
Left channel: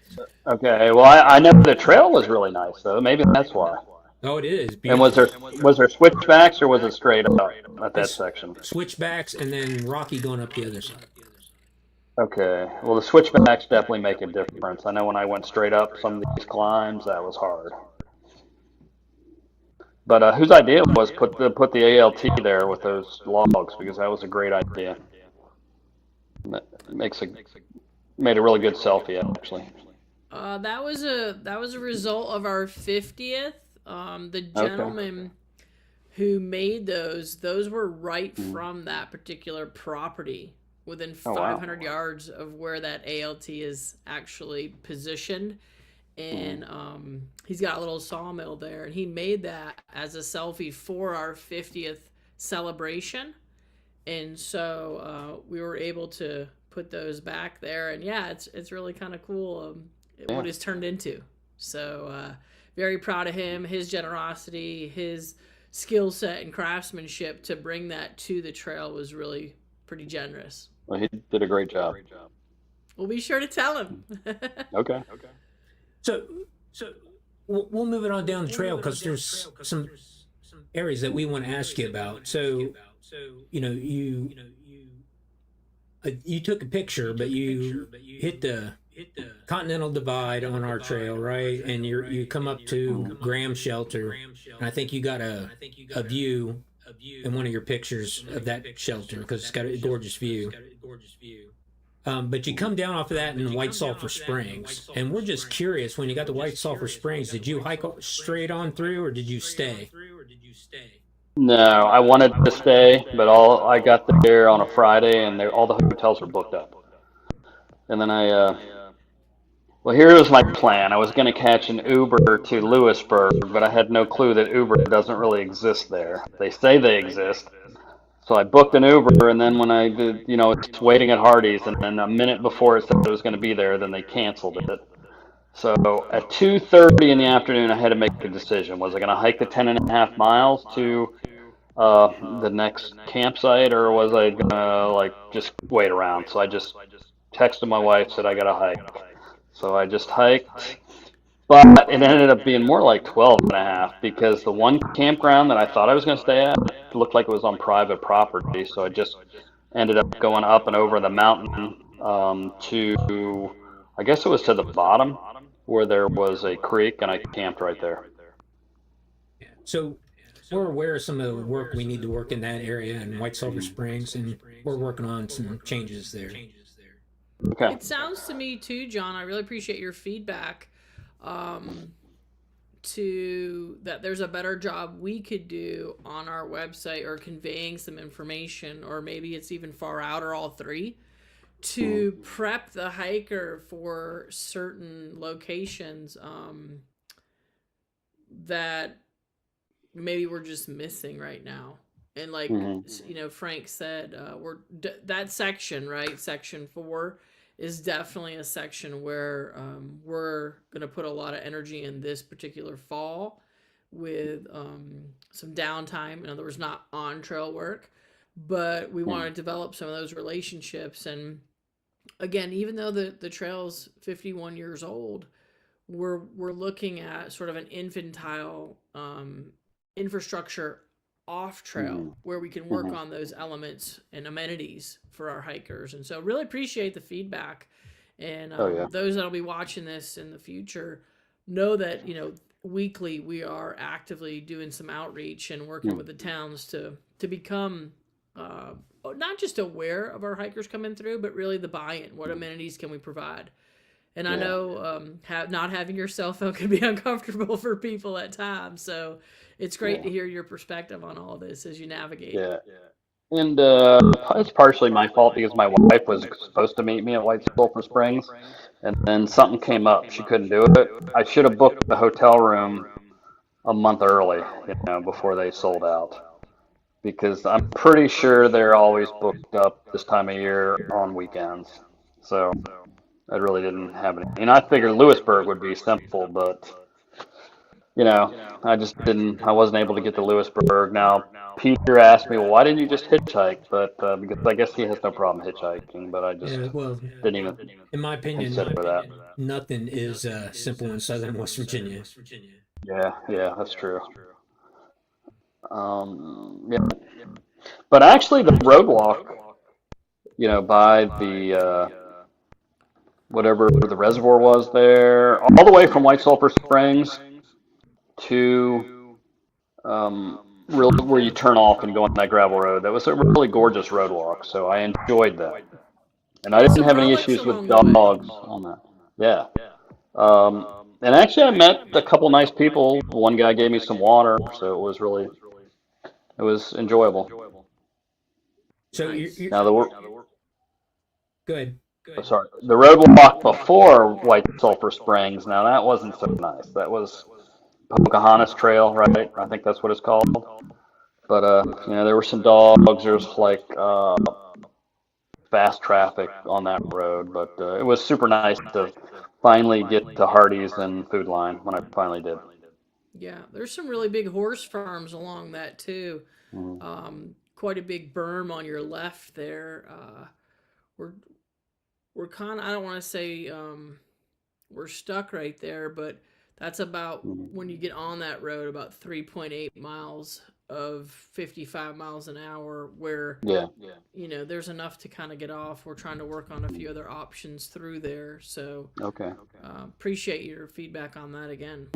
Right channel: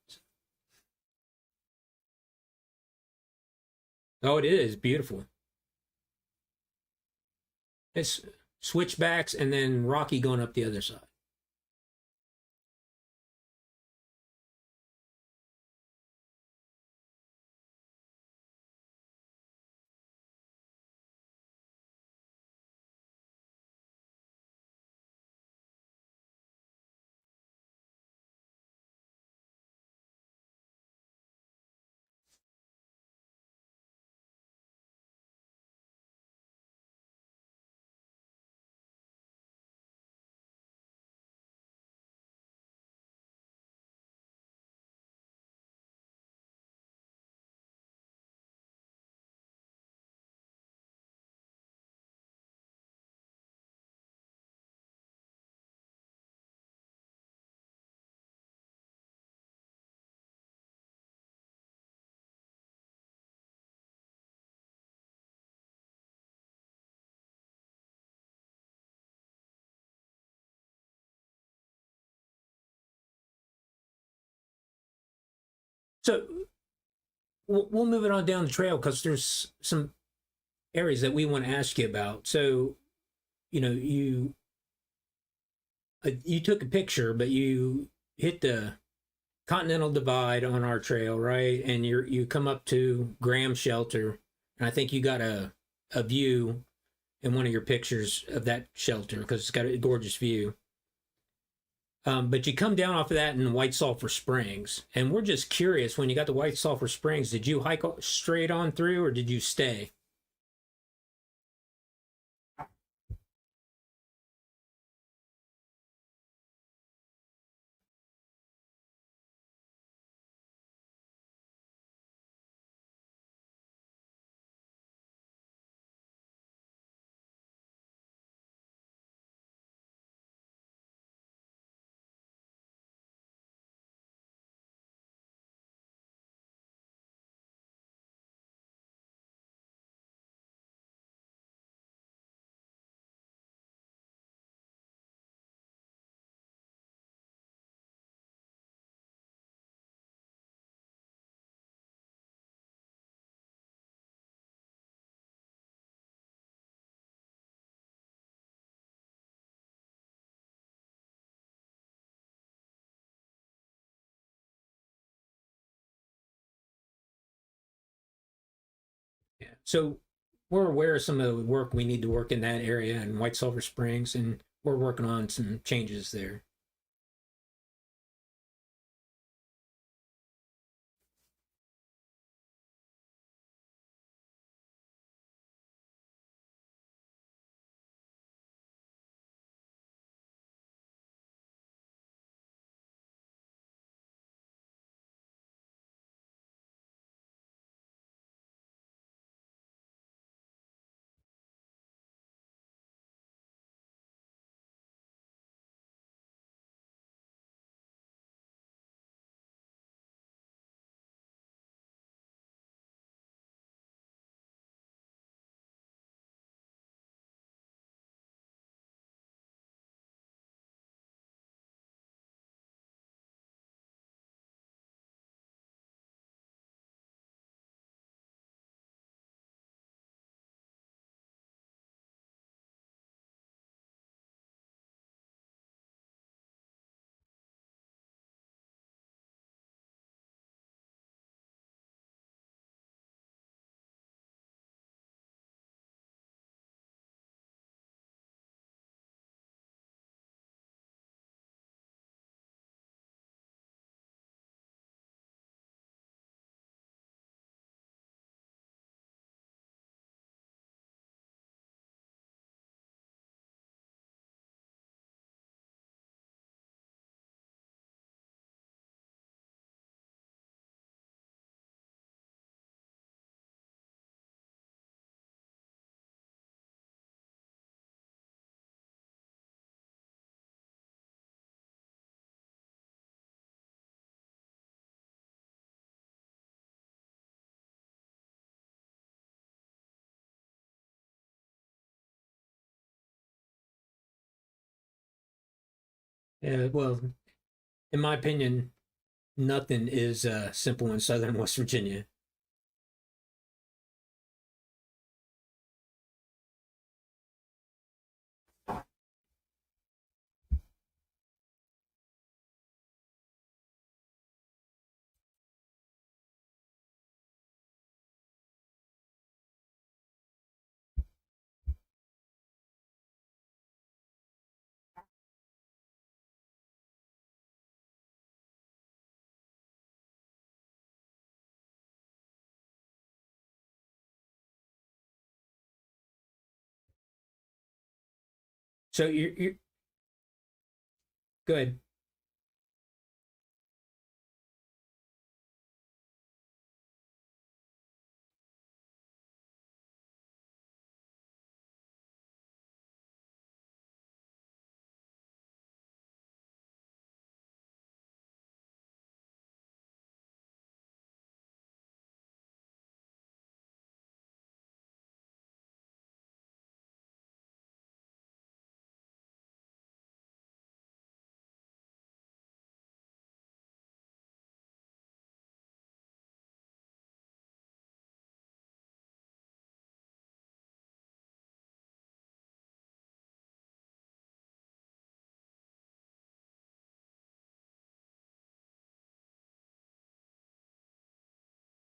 Okay. Well, I know the trail was really nice though. Maybe that's why. Oh, it is And was beautiful. there switchbacks or was it straight up at that It's section? switchbacks and then rocky going up the other side. Okay. Well, the switchbacks definitely make a difference. I know when I went straight up some of these climbs, that was hard. But whose idea was put the ALT there with those logs because that was a great idea. It made a really good selfie actually. That was a result of our 50th The Okay. gentleman who made those were right from that particular property within Oh, wow. 500 yards of where that ALT is actually positioned. Mhm. And he's got a little sawmill there, and he made that as a selfie for our 50th celebration. And so we were able to put those back there, and yeah, it's really kind of cool Yeah. what it's turned into. So very proud of him, his generosity, his skill set and craftsmanship to bring that to the trail was really pretty generous. Well, he did a great job. We'll be sure to tell him. Okay. So we'll move it on down the trail because there's some areas that we want to ask you about. So, you took a picture, but you hit the Continental Divide on our trail, right? And you come up to Graham Shelter, and I think you got a view in one of your pictures of that shelter because it's got a gorgeous view. But you come down off of that in White Sulphur Springs, and we're just curious. When you got to White Sulphur Springs, did you hike straight on through, or did you stay? No, I wanted to stay, but all I got there on a Friday, and all the hotels were booked up. And then well, here was my plan. I was going to catch an Uber to Lewisburg, but I had no clue that Uber doesn't really exist there. They say they exist. So I booked an Uber, and then when I did, it's waiting at Hardee's, and then a minute before it said it was going to be there, then they canceled it. So at 2:30 in the afternoon, I had to make a decision. Was I going to hike the 10.5 miles to the next campsite, or was I going to like just wait around? So I just texted my wife, said I got to hike. So I just hiked, but it ended up being more like 12.5 because the one campground that I thought I was going to stay at looked like it was on private property. So I just ended up going up and over the mountain to, I guess it was to the bottom where there was a creek, and I camped right there. So we're aware of some of the work we need to work in that area in White Sulphur Springs, and we're working on some changes there. Okay. It sounds to me too, John. I really appreciate your feedback. To that, there's a better job we could do on our website or conveying some information, or maybe it's even far out, or all three, to prep the hiker for certain locations that maybe we're just missing right now. And like Hmm. Frank said, that section, right, section 4 is definitely a section where we're going to put a lot of energy in this particular fall with some downtime. In other words, not on trail work, but we want to develop some of those relationships. And again, even though the trail's 51 years old, we're looking at sort of an infantile infrastructure off trail Hmm. where we can work Hmm. on those elements and amenities for our hikers. And so really appreciate the feedback. And Oh yeah. those that'll be watching this in the future know that weekly we are actively doing some outreach and working with the towns to become not just aware of our hikers coming through, but really the buy-in. What amenities can we provide? And I Yeah. know not having your cell phone can be uncomfortable for people at times. So it's great to Yeah. hear your perspective on all this as you navigate. Yeah. And it's partially my fault because my wife was supposed to meet me at White Sulphur Springs, and then something came up. She couldn't do it. I should have booked the hotel room a month early, before they sold out, because I'm pretty sure they're always booked up this time of year on weekends. So I really didn't have any. And I figured Lewisburg would be simple, but you know, I just didn't. I wasn't able to get to Lewisburg. Now, Peter asked me, well, why didn't you just hitchhike? But because I guess he has no problem hitchhiking, but I just Yeah, well, didn't even in my opinion, consider that. nothing is simple in Southern West Virginia. Yeah, yeah, that's true. Yeah, but actually, the road walk, by the whatever the reservoir was there, all the way from White Sulphur Springs to really where you turn off and go on that gravel road. That was a really gorgeous road walk, so I enjoyed that. And I And didn't some have any relics issues with along the way. dogs on that. Yeah. Um, And actually, I met a couple nice people. One guy gave me some water, so it was enjoyable. So Nice. Now good. sorry, the road walk before White Sulphur Springs. Now that wasn't so nice. That was Pocahontas Trail, right? I think that's what it's called. But there were some dogs. There was like fast traffic on that road, but it was super nice to finally get to Hardee's and Food Line when I finally did. Yeah, there's some really big horse farms along that too. Mhm. Quite a big berm on your left there. We're we're kind of, I don't want to say we're stuck right there, but that's about, Mhm. when you get on that road, about 3.8 miles of 55 miles an hour, where Yeah. there's enough to kind of get off. We're trying to work on a few other options through there, so Okay. appreciate your feedback on that again.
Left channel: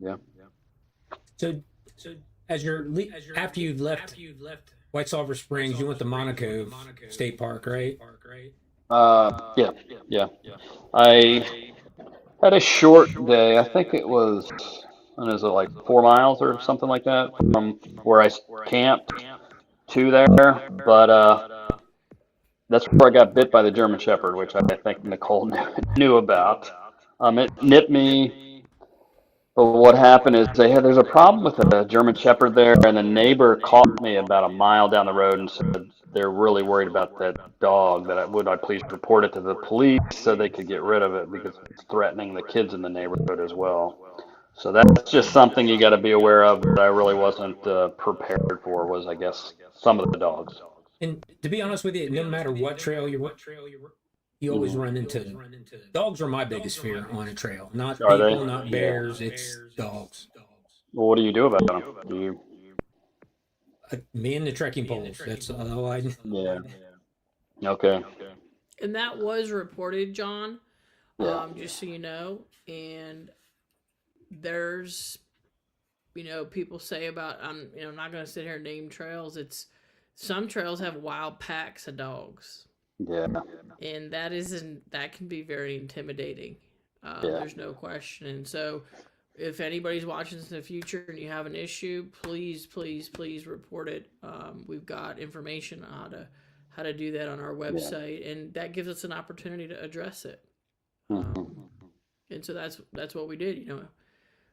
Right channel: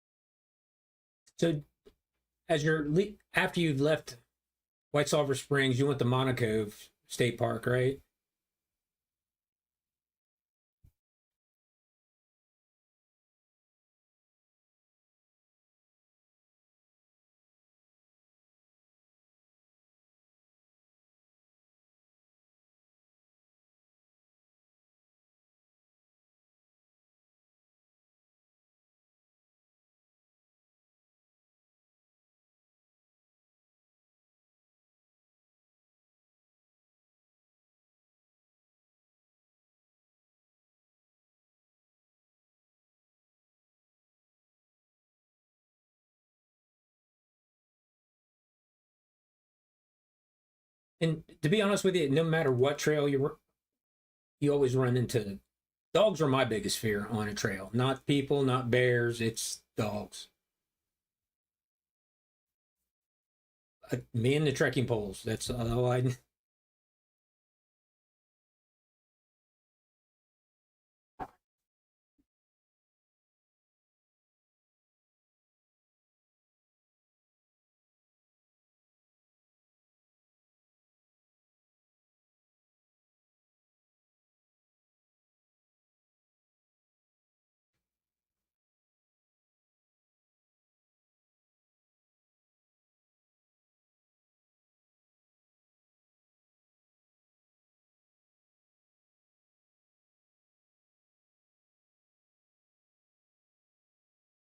Yeah. So after you've left White Sulphur Springs, you went to Monaco State Park, right? Yeah. Yeah. I had a short day. I think it was, what is it, like 4 miles or something like that from where camped to there. But that's where I got bit by the German Shepherd, which I think Nicole knew about. It nipped me, but what happened is there's a problem with the German Shepherd there, and the neighbor called me about a mile down the road and said they're really worried about that dog. Would I please report it to the police so they could get rid of it because it's threatening the kids in the neighborhood as well. So that's just something you got to be aware of that I really wasn't prepared for. Was, I guess, some of the dogs. And to be honest with you, no matter what trail you always Hmm. run into dogs. Are my biggest fear on a trail. Not Are they? people, not Yeah. bears. It's dogs. Well, what do you do about them? Do you? Me and the trekking poles. That's all I. Yeah. Okay. And that was reported, John, Yeah. just so you know. And there's, people say about, I'm not going to sit here and name trails. It's some trails have wild packs of dogs, Yeah. and that can be very intimidating. Yeah. There's no question. And so, if anybody's watching this in the future and you have an issue, please, please, please report it. We've got information on how to do that on our Yeah. website, and that gives us an opportunity to address it. Hmm. And so that's what we did.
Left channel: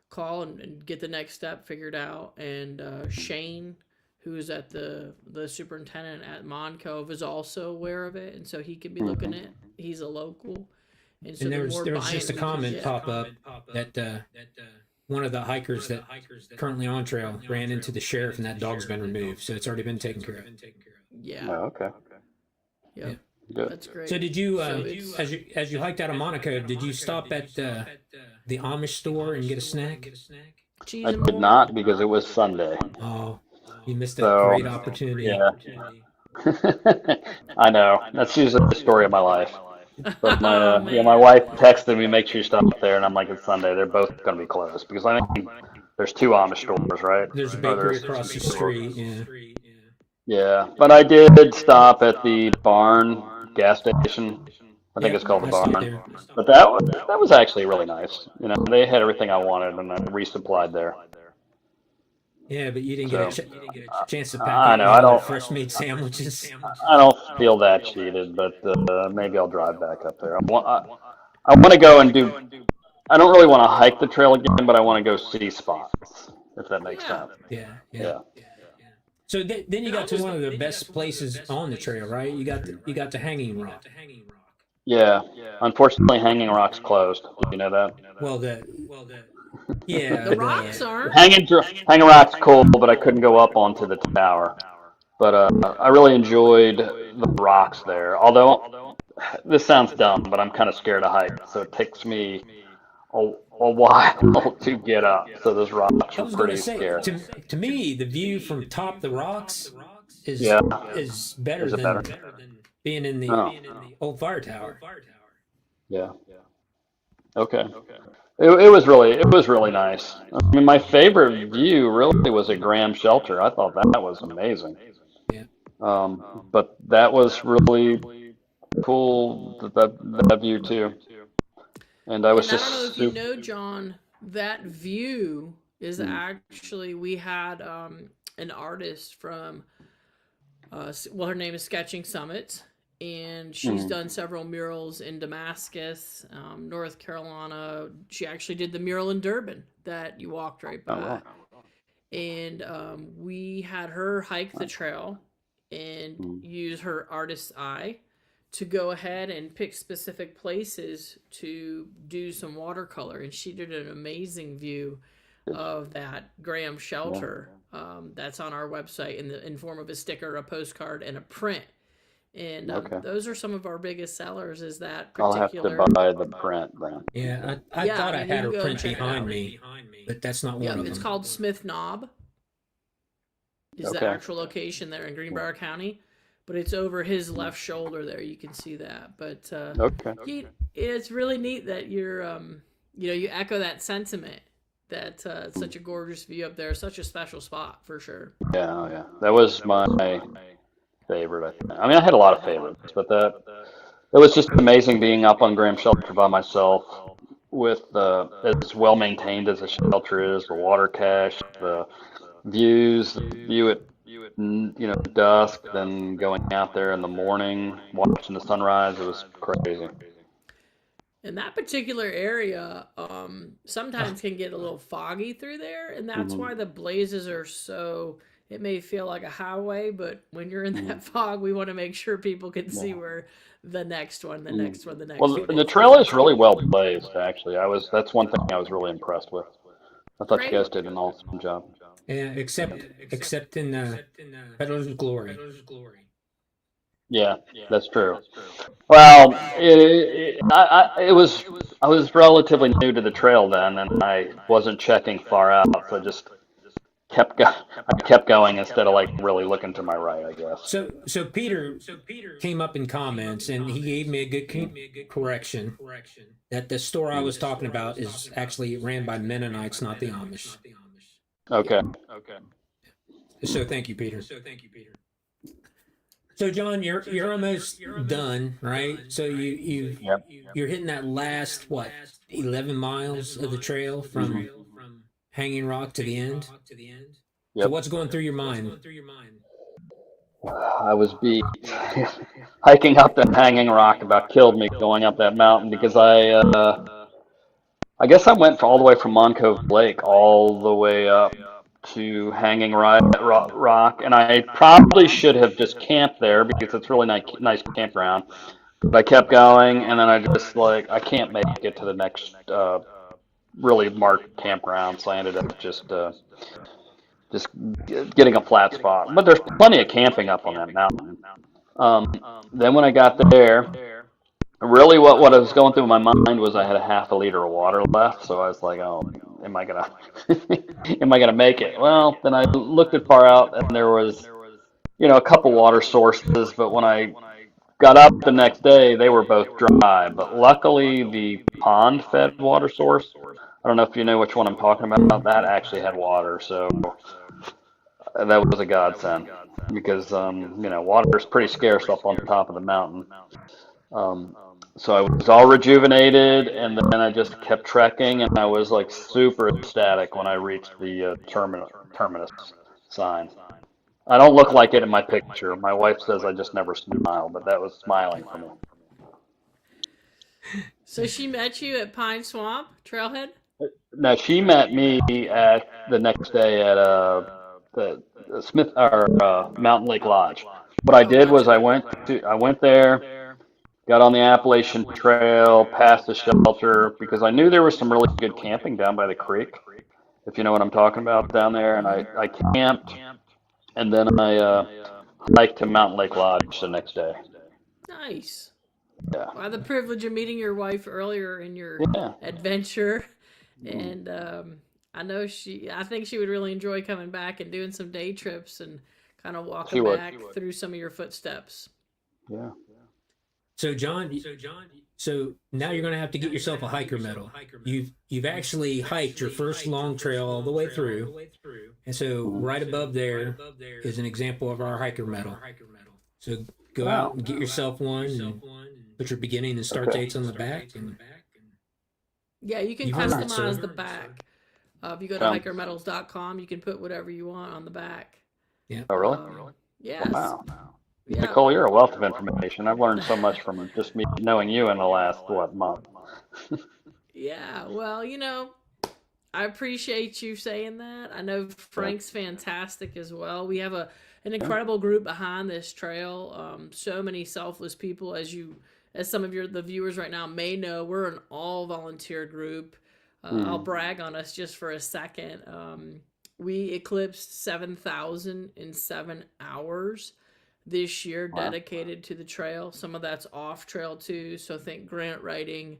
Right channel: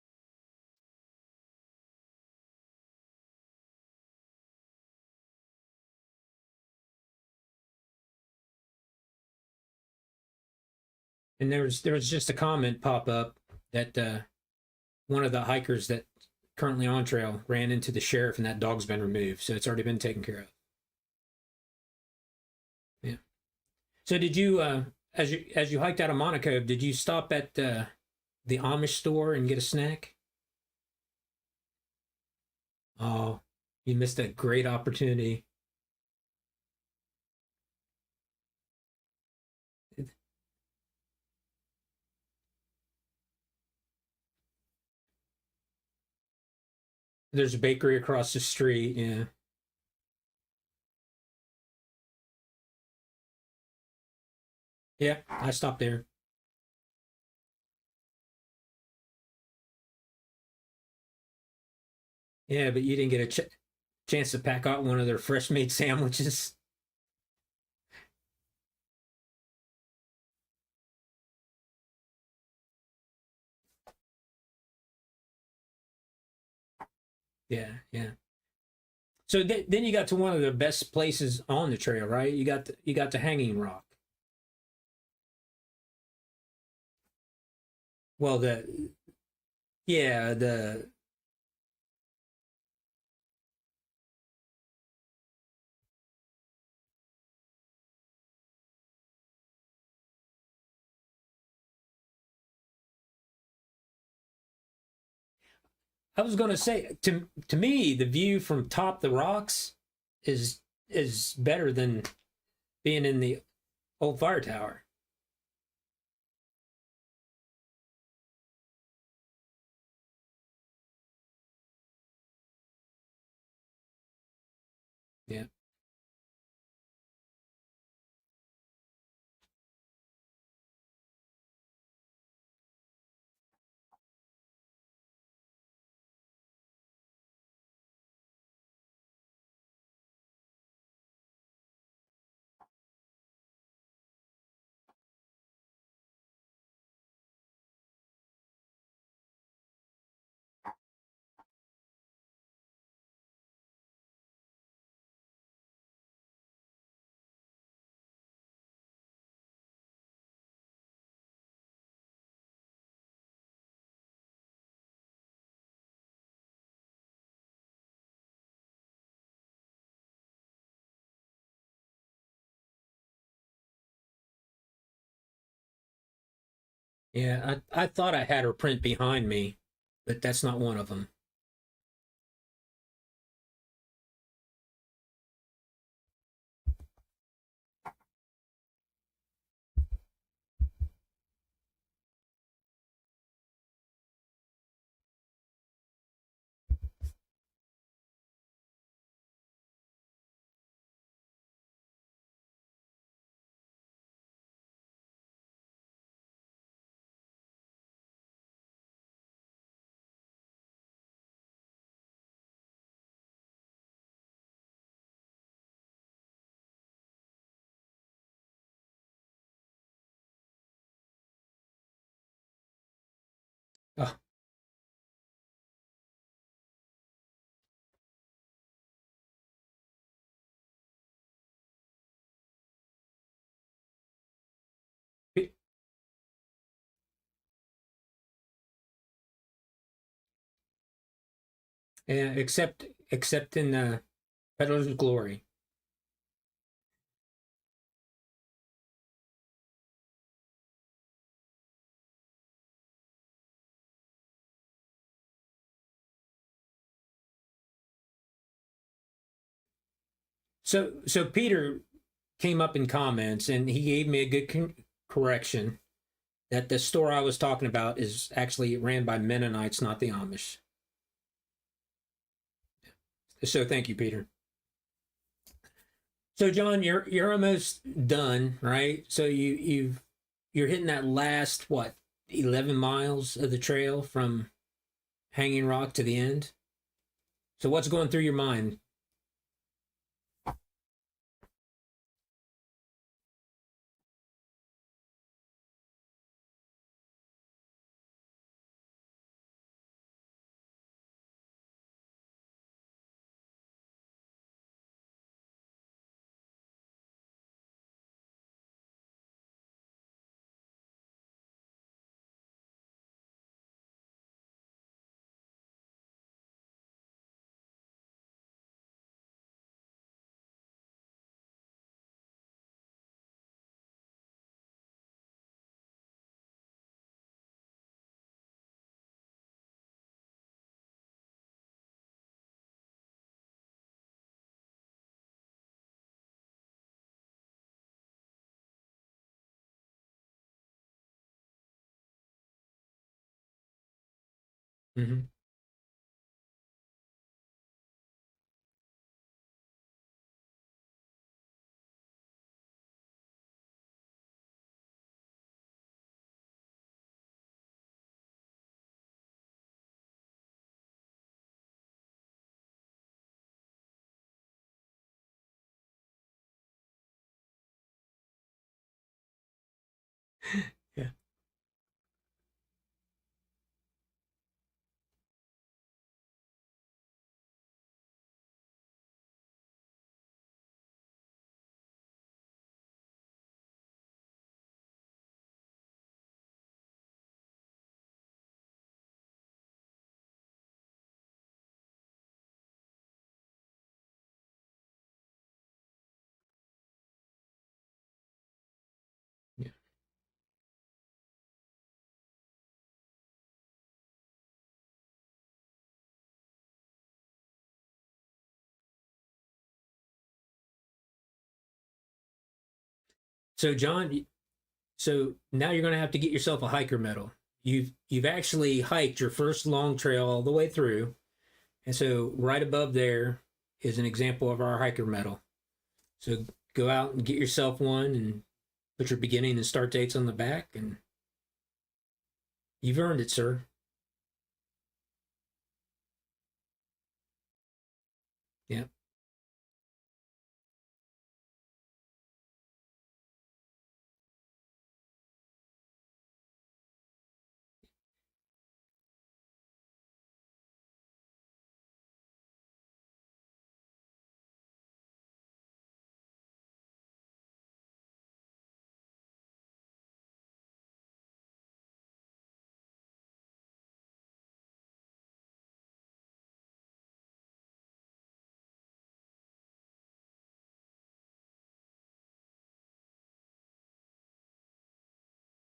Call and get the next step figured out. And Shane, who is at the superintendent at Moncove, is also aware of it, and so he can be looking at. He's a local, and so And the there was just a buy-in we can comment get. pop up that one of the hikers that currently on trail ran into the sheriff, and that dog's been removed, so it's already been taken care of. Yeah, Oh, okay. yeah, Good. that's great. So did you, So it's as you hiked out of Monaco, did you stop at the Amish store and get a snack? cheese I and did more. not because it was Sunday. Oh, you missed a So great opportunity. yeah. I know. That's usually the story of my life. But Oh my man. wife texted me, make sure you stop there, and I'm like, it's Sunday. They're both going to be closed because I think there's two Amish stores, right? There's a Or bakery there's across the street. Yeah, Yeah, but I did stop at the Barn gas station. I think yeah. it's called the I stopped Barn. there. But that was actually really nice. They had everything I wanted, and I resupplied there. Yeah, but you didn't get a So chance to pack I up know any of their fresh made sandwiches. I don't feel that cheated, but maybe I'll drive back up there. I want to go and do. I don't really want to hike the trail again, but I want to go see spots, if that makes Yeah. sense. Yeah, yeah. Yeah. So then you got to one of the best places on the trail, right? You got to Hanging Rock. Yeah. Unfortunately, Hanging Rock's closed. Did you know that? Well, yeah, The rocks aren't. Hanging Rock's cool, but I couldn't go up onto the tower. But I really enjoyed the rocks there. Although this sounds dumb, but I'm kind of scared to hike, so it takes me a while to get up. So those rocks I are was going to pretty say scary. to me the view from top the rocks is Yeah. is better Is it than better? being in the Oh, old fire tower. yeah. Okay. It was really nice. I mean, my favorite view really was at Graham Shelter. I thought that was amazing. Yeah. But that was really cool, that view too. And I was And I don't know just if you super. know, John, that view is Mm, actually, we had an artist from, well, her name is Sketching Summit, and she's mm. done several murals in Damascus, North Carolina. She actually did the mural in Durban that you walked right Oh, by. wow. And we had her hike the trail and Mm. use her artist's eye to go ahead and pick specific places to do some watercolor. And she did an amazing view of that Graham Yeah. shelter, that's on our website in form of a sticker, a postcard, and a print. And Okay. those are some of our biggest sellers. Is that I'll have to particular? buy the print then. Yeah, I Yeah, thought I had you her go print check it behind out. me, but that's not one Yep, of it's them. called Smith Knob. Is the Okay. actual location there in Greenbrier County, but it's over his left shoulder there. You can see that. But Okay. it's really neat that you echo that sentiment that it's such a gorgeous view up there, such a special spot for sure. Yeah, oh, yeah. That was my favorite, I think. I mean, I had a lot of favorites, but that it was just amazing being up on Graham Shelter by myself with as well maintained as a shelter is, the water cache, the views, the view at dusk, then going out there in the morning, watching the sunrise. It was crazy. And that particular area sometimes can get a little foggy through there, and that's Hmm. why the blazes are so. It may feel like a highway, but when you're in Hmm. that fog, we want to make sure people can see Yeah. where the next one, the Mm. next one, the Well, next one the is, trail because is it's really well blazed, actually. That's one thing I was really impressed with. I thought you great. guys did an awesome job. Yeah, except in Peddler's Glory. Yeah, that's true. Well, I was relatively new to the trail then, and I wasn't checking far out, so I kept going instead of like really looking to my right, I guess. So Peter came up in comments and he gave me a good correction that the store I was talking about is actually ran by Mennonites, not the Amish. Okay. So thank you, Peter. So John, you're almost done, right? So Yep. you're hitting that last what 11 miles of the trail Hmm. from Hanging Rock to the end. So Yep. what's going through your mind? I was beat. Hiking up that hanging rock about killed me going up that mountain because I guess I went all the way from Moncove Lake all the way up to Rock, and I probably should have just camped there because it's really nice campground. But I kept going, and then I just like I can't make it to the next really marked campground, so I ended up just getting a flat spot. But there's plenty of camping up on that mountain. Um, then when I got there, really what I was going through my mind was I had a half a liter of water left, so I was like, oh, am I gonna am I gonna make it? Well, then I looked at far out, and there was a couple water sources, but when I got up the next day, they were both dry. But luckily, the pond-fed water source, I don't know if you know which one I'm talking about, that actually had water, so that was a godsend because water is pretty scarce up on top of the mountain. Um, so I was all rejuvenated, and then I just kept trekking, and I was like super ecstatic when I reached the terminus sign. I don't look like it in my picture. My wife says I just never smile, but that was smiling for me. So she met you at Pine Swamp Trailhead. Now she met me at the next day at the Smith or Mountain Lake Lodge. What I Oh, did was gotcha. I went there, got on the Appalachian Trail, passed the shelter because I knew there was some really good camping down by the creek, if you know what I'm talking about down there. And Hmm. I camped, and then I hiked to Mountain Lake Lodge the next day. Nice. Yeah, Well, I had the privilege of meeting your wife earlier in your yeah. adventure, Mm. and I think she would really enjoy coming back and doing some day trips and kind of She walking would. back through some of your footsteps. Yeah. So John, so now you're going to have to get yourself a hiker medal. You've actually hiked your first long trail all the way through, and so Mhm. right above there is an example of our hiker medal. So go out Wow. and get yourself one and put your beginning and start Okay. dates on the back, and Yeah, you can You've earned it, customize sir. the back. If you go to Okay. hikermetals.com, you can put whatever you want on the back. Yeah. Oh, really? Yes. Wow. Yeah. Nicole, you're a wealth of information. I've learned so much from just me knowing you in the last, what, month? Yeah. Well, I appreciate you saying that. I know Yeah. Frank's fantastic as well. We have an Yeah. incredible group behind this trail. So many selfless people, as some of the viewers right now may know. We're an all volunteer group. I'll Hmm. brag on us just for a second. We eclipsed 7,000 in 7 hours this year, Wow. dedicated to the trail. Some of that's off trail too. So think grant writing,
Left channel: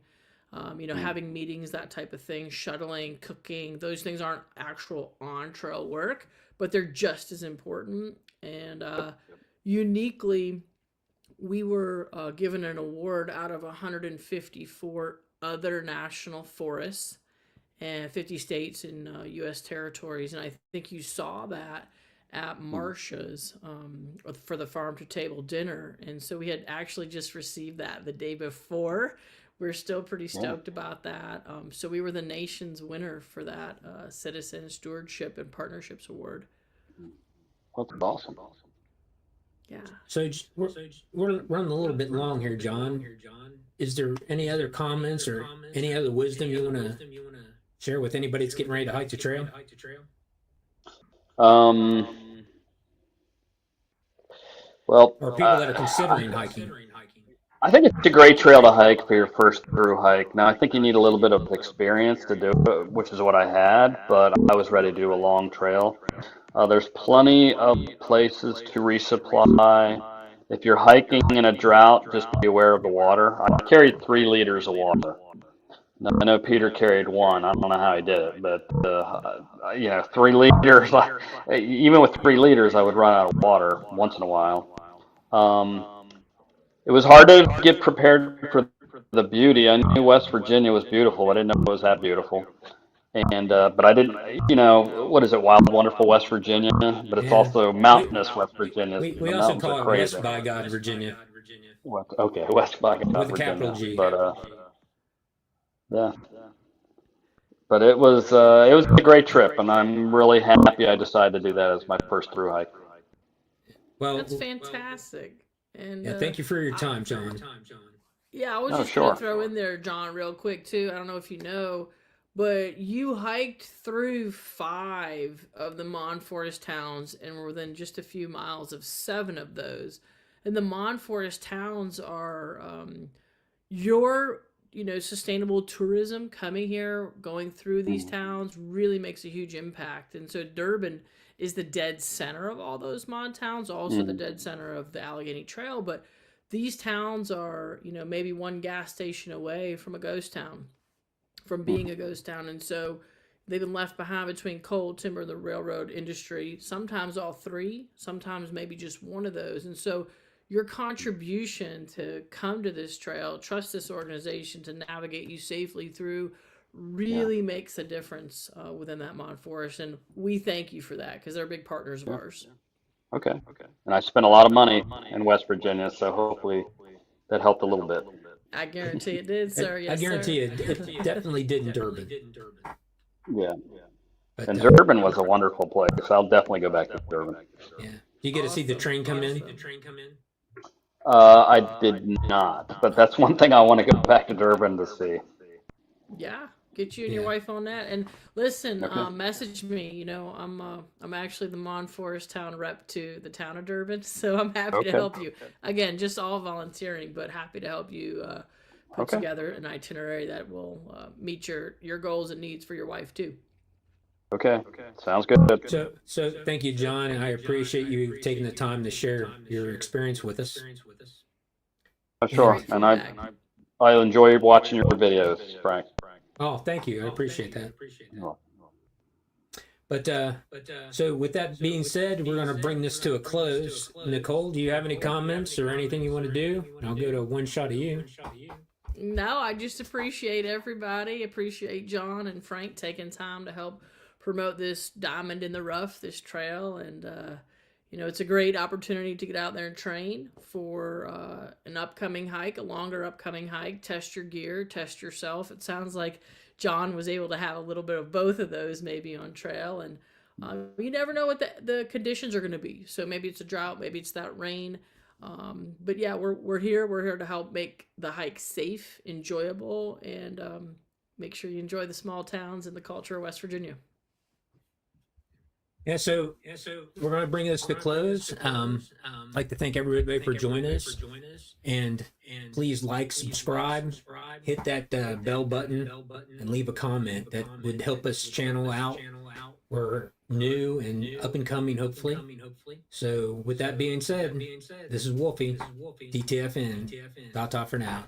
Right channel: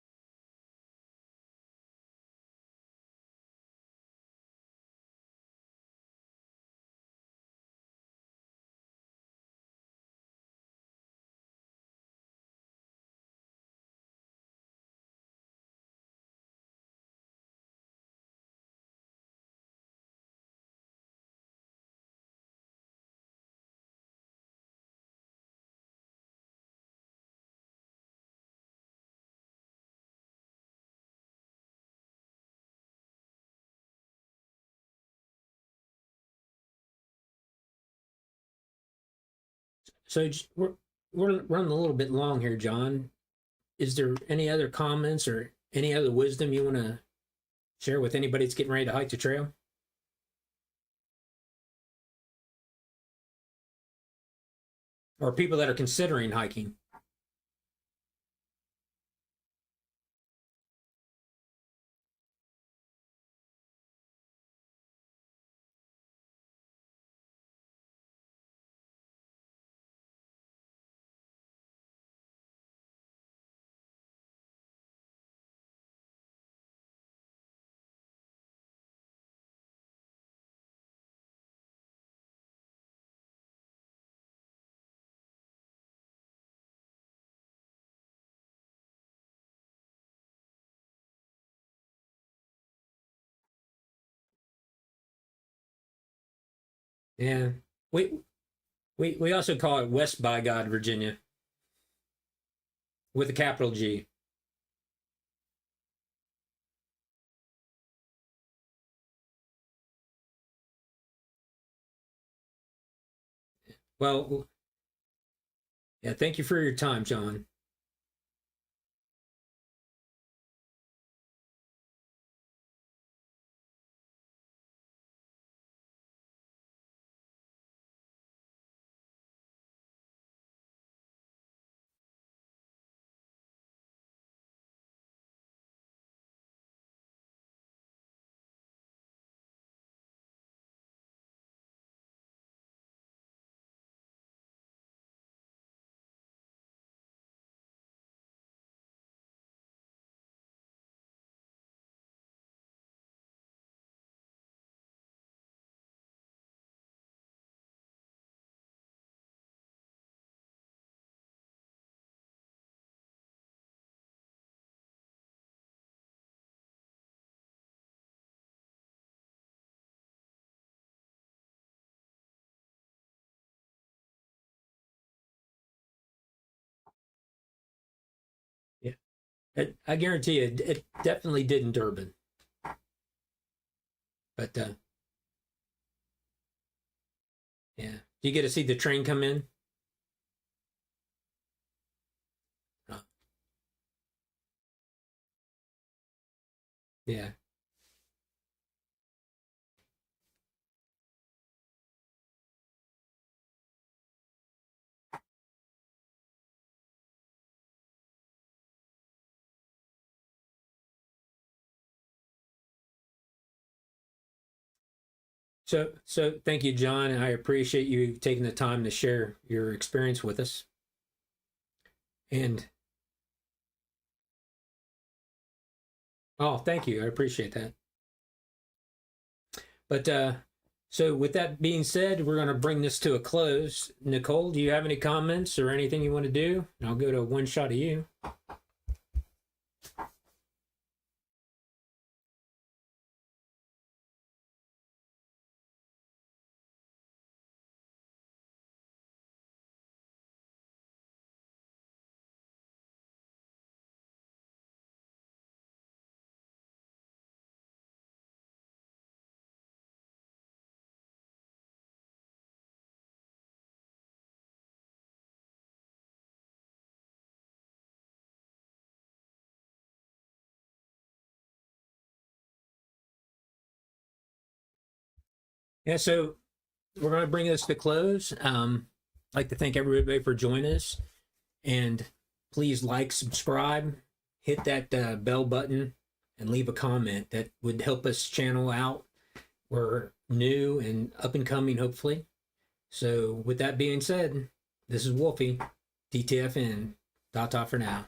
Hmm. having meetings, that type of thing, shuttling, cooking. Those things aren't actual on trail work, but they're just as important. And uniquely, we were given an award out of 154 other national forests and 50 states and U.S. territories. And I think you saw that at Hmm. Marcia's for the farm to table dinner. And so we had actually just received that the day before. We're still pretty Yeah. stoked about that. So we were the nation's winner for that Citizen Stewardship and Partnerships Award. That's awesome. Yeah. So we're running a little bit long here, John. Is there any other comments or any other wisdom you want to share with anybody that's getting ready to hike the trail? Um, well, Or people that are considering hiking? I think it's a great trail to hike for your first through hike. Now, I think you need a little bit of experience to do it, which is what I had, but I was ready to do a long trail. There's plenty of places to resupply. If you're hiking in a drought, just be aware of the water. I carried 3 liters of water. Now, I know Peter carried one. I don't know how he did it, but 3 liters. Even with 3 liters, I would run out of water once in a while. Um, it was hard to get prepared for the beauty. I knew West Virginia was beautiful. I didn't know it was that beautiful. And but I didn't, what is it? Wild, wonderful West Virginia, but it's Yeah. also We mountainous West Virginia. we The also mountains are call it crazy. West by God, Virginia, Okay, West by with a capital Virginia, G. but yeah. But it was a great trip, and I'm really happy I decided to do that as my first through hike. That's Well, fantastic. And yeah. Thank you for your time, John. yeah, I was Oh, just going to sure. throw in there, John, real quick, too. I don't know if you know, but you hiked through 5 of the Mon Forest towns and were within just a few miles of 7 of those. And the Mon Forest towns are your, sustainable tourism coming here, going through these Mm, towns really makes a huge impact. And so Durban is the dead center of all those Mon towns, also the mm, dead center of the Allegheny Trail. But these towns are, maybe one gas station away from a ghost town, from mm, being a ghost town. And so they've been left behind between coal, timber, the railroad industry, sometimes all three, sometimes maybe just one of those. And so your contribution to come to this trail, trust this organization to navigate you safely through, yeah, really makes a difference within that Mon Forest. And we thank you for that because they're big partners of yeah. ours. Okay. And I spent a lot of money in West Virginia, so hopefully that helped a little bit. I guarantee it did, I, sir. I Yes, sir. guarantee it definitely did in Durban. Yeah. But And Durban was a wonderful place. I'll definitely go back to Durban. yeah, you get to see the Awesome. train come in. Awesome. I did not, but that's one thing I want to go back to Durban to see. Yeah, get you and your Yeah. wife on that. And listen, Okay. message me. I'm actually the Mon Forest town rep to the town of Durban, so I'm happy to Okay. help you. Again, just all volunteering, but happy to help you put Okay. together an itinerary that will meet your goals and needs for your wife too. Okay. Sounds good. So thank you, John. I appreciate you taking the time to share your experience with us. Sure. Great And feedback. I enjoy watching your videos, Frank. Oh, thank you. I appreciate that. Oh, But so with that being said, we're going to bring this to a close. Nicole, do you have any comments or anything you want to do? I'll go to one shot of you. No, I just appreciate everybody. Appreciate John and Frank taking time to help promote this diamond in the rough, this trail. And, it's a great opportunity to get out there and train for an upcoming hike, a longer upcoming hike. Test your gear, test yourself. It sounds like John was able to have a little bit of both of those maybe on trail. And you never know what the conditions are going to be. So maybe it's a drought, maybe it's that rain. But yeah, we're here. We're here to help make the hike safe, enjoyable, and make sure you enjoy the small towns and the culture of West Virginia. Yeah, so we're going to bring this to close. I'd like to thank everybody for joining us, and please like, subscribe, hit that bell button, and leave a comment. That would help us channel out. We're new and up and coming, hopefully. So with that being said, this is Wolfie, DTFN. Ta-ta for now.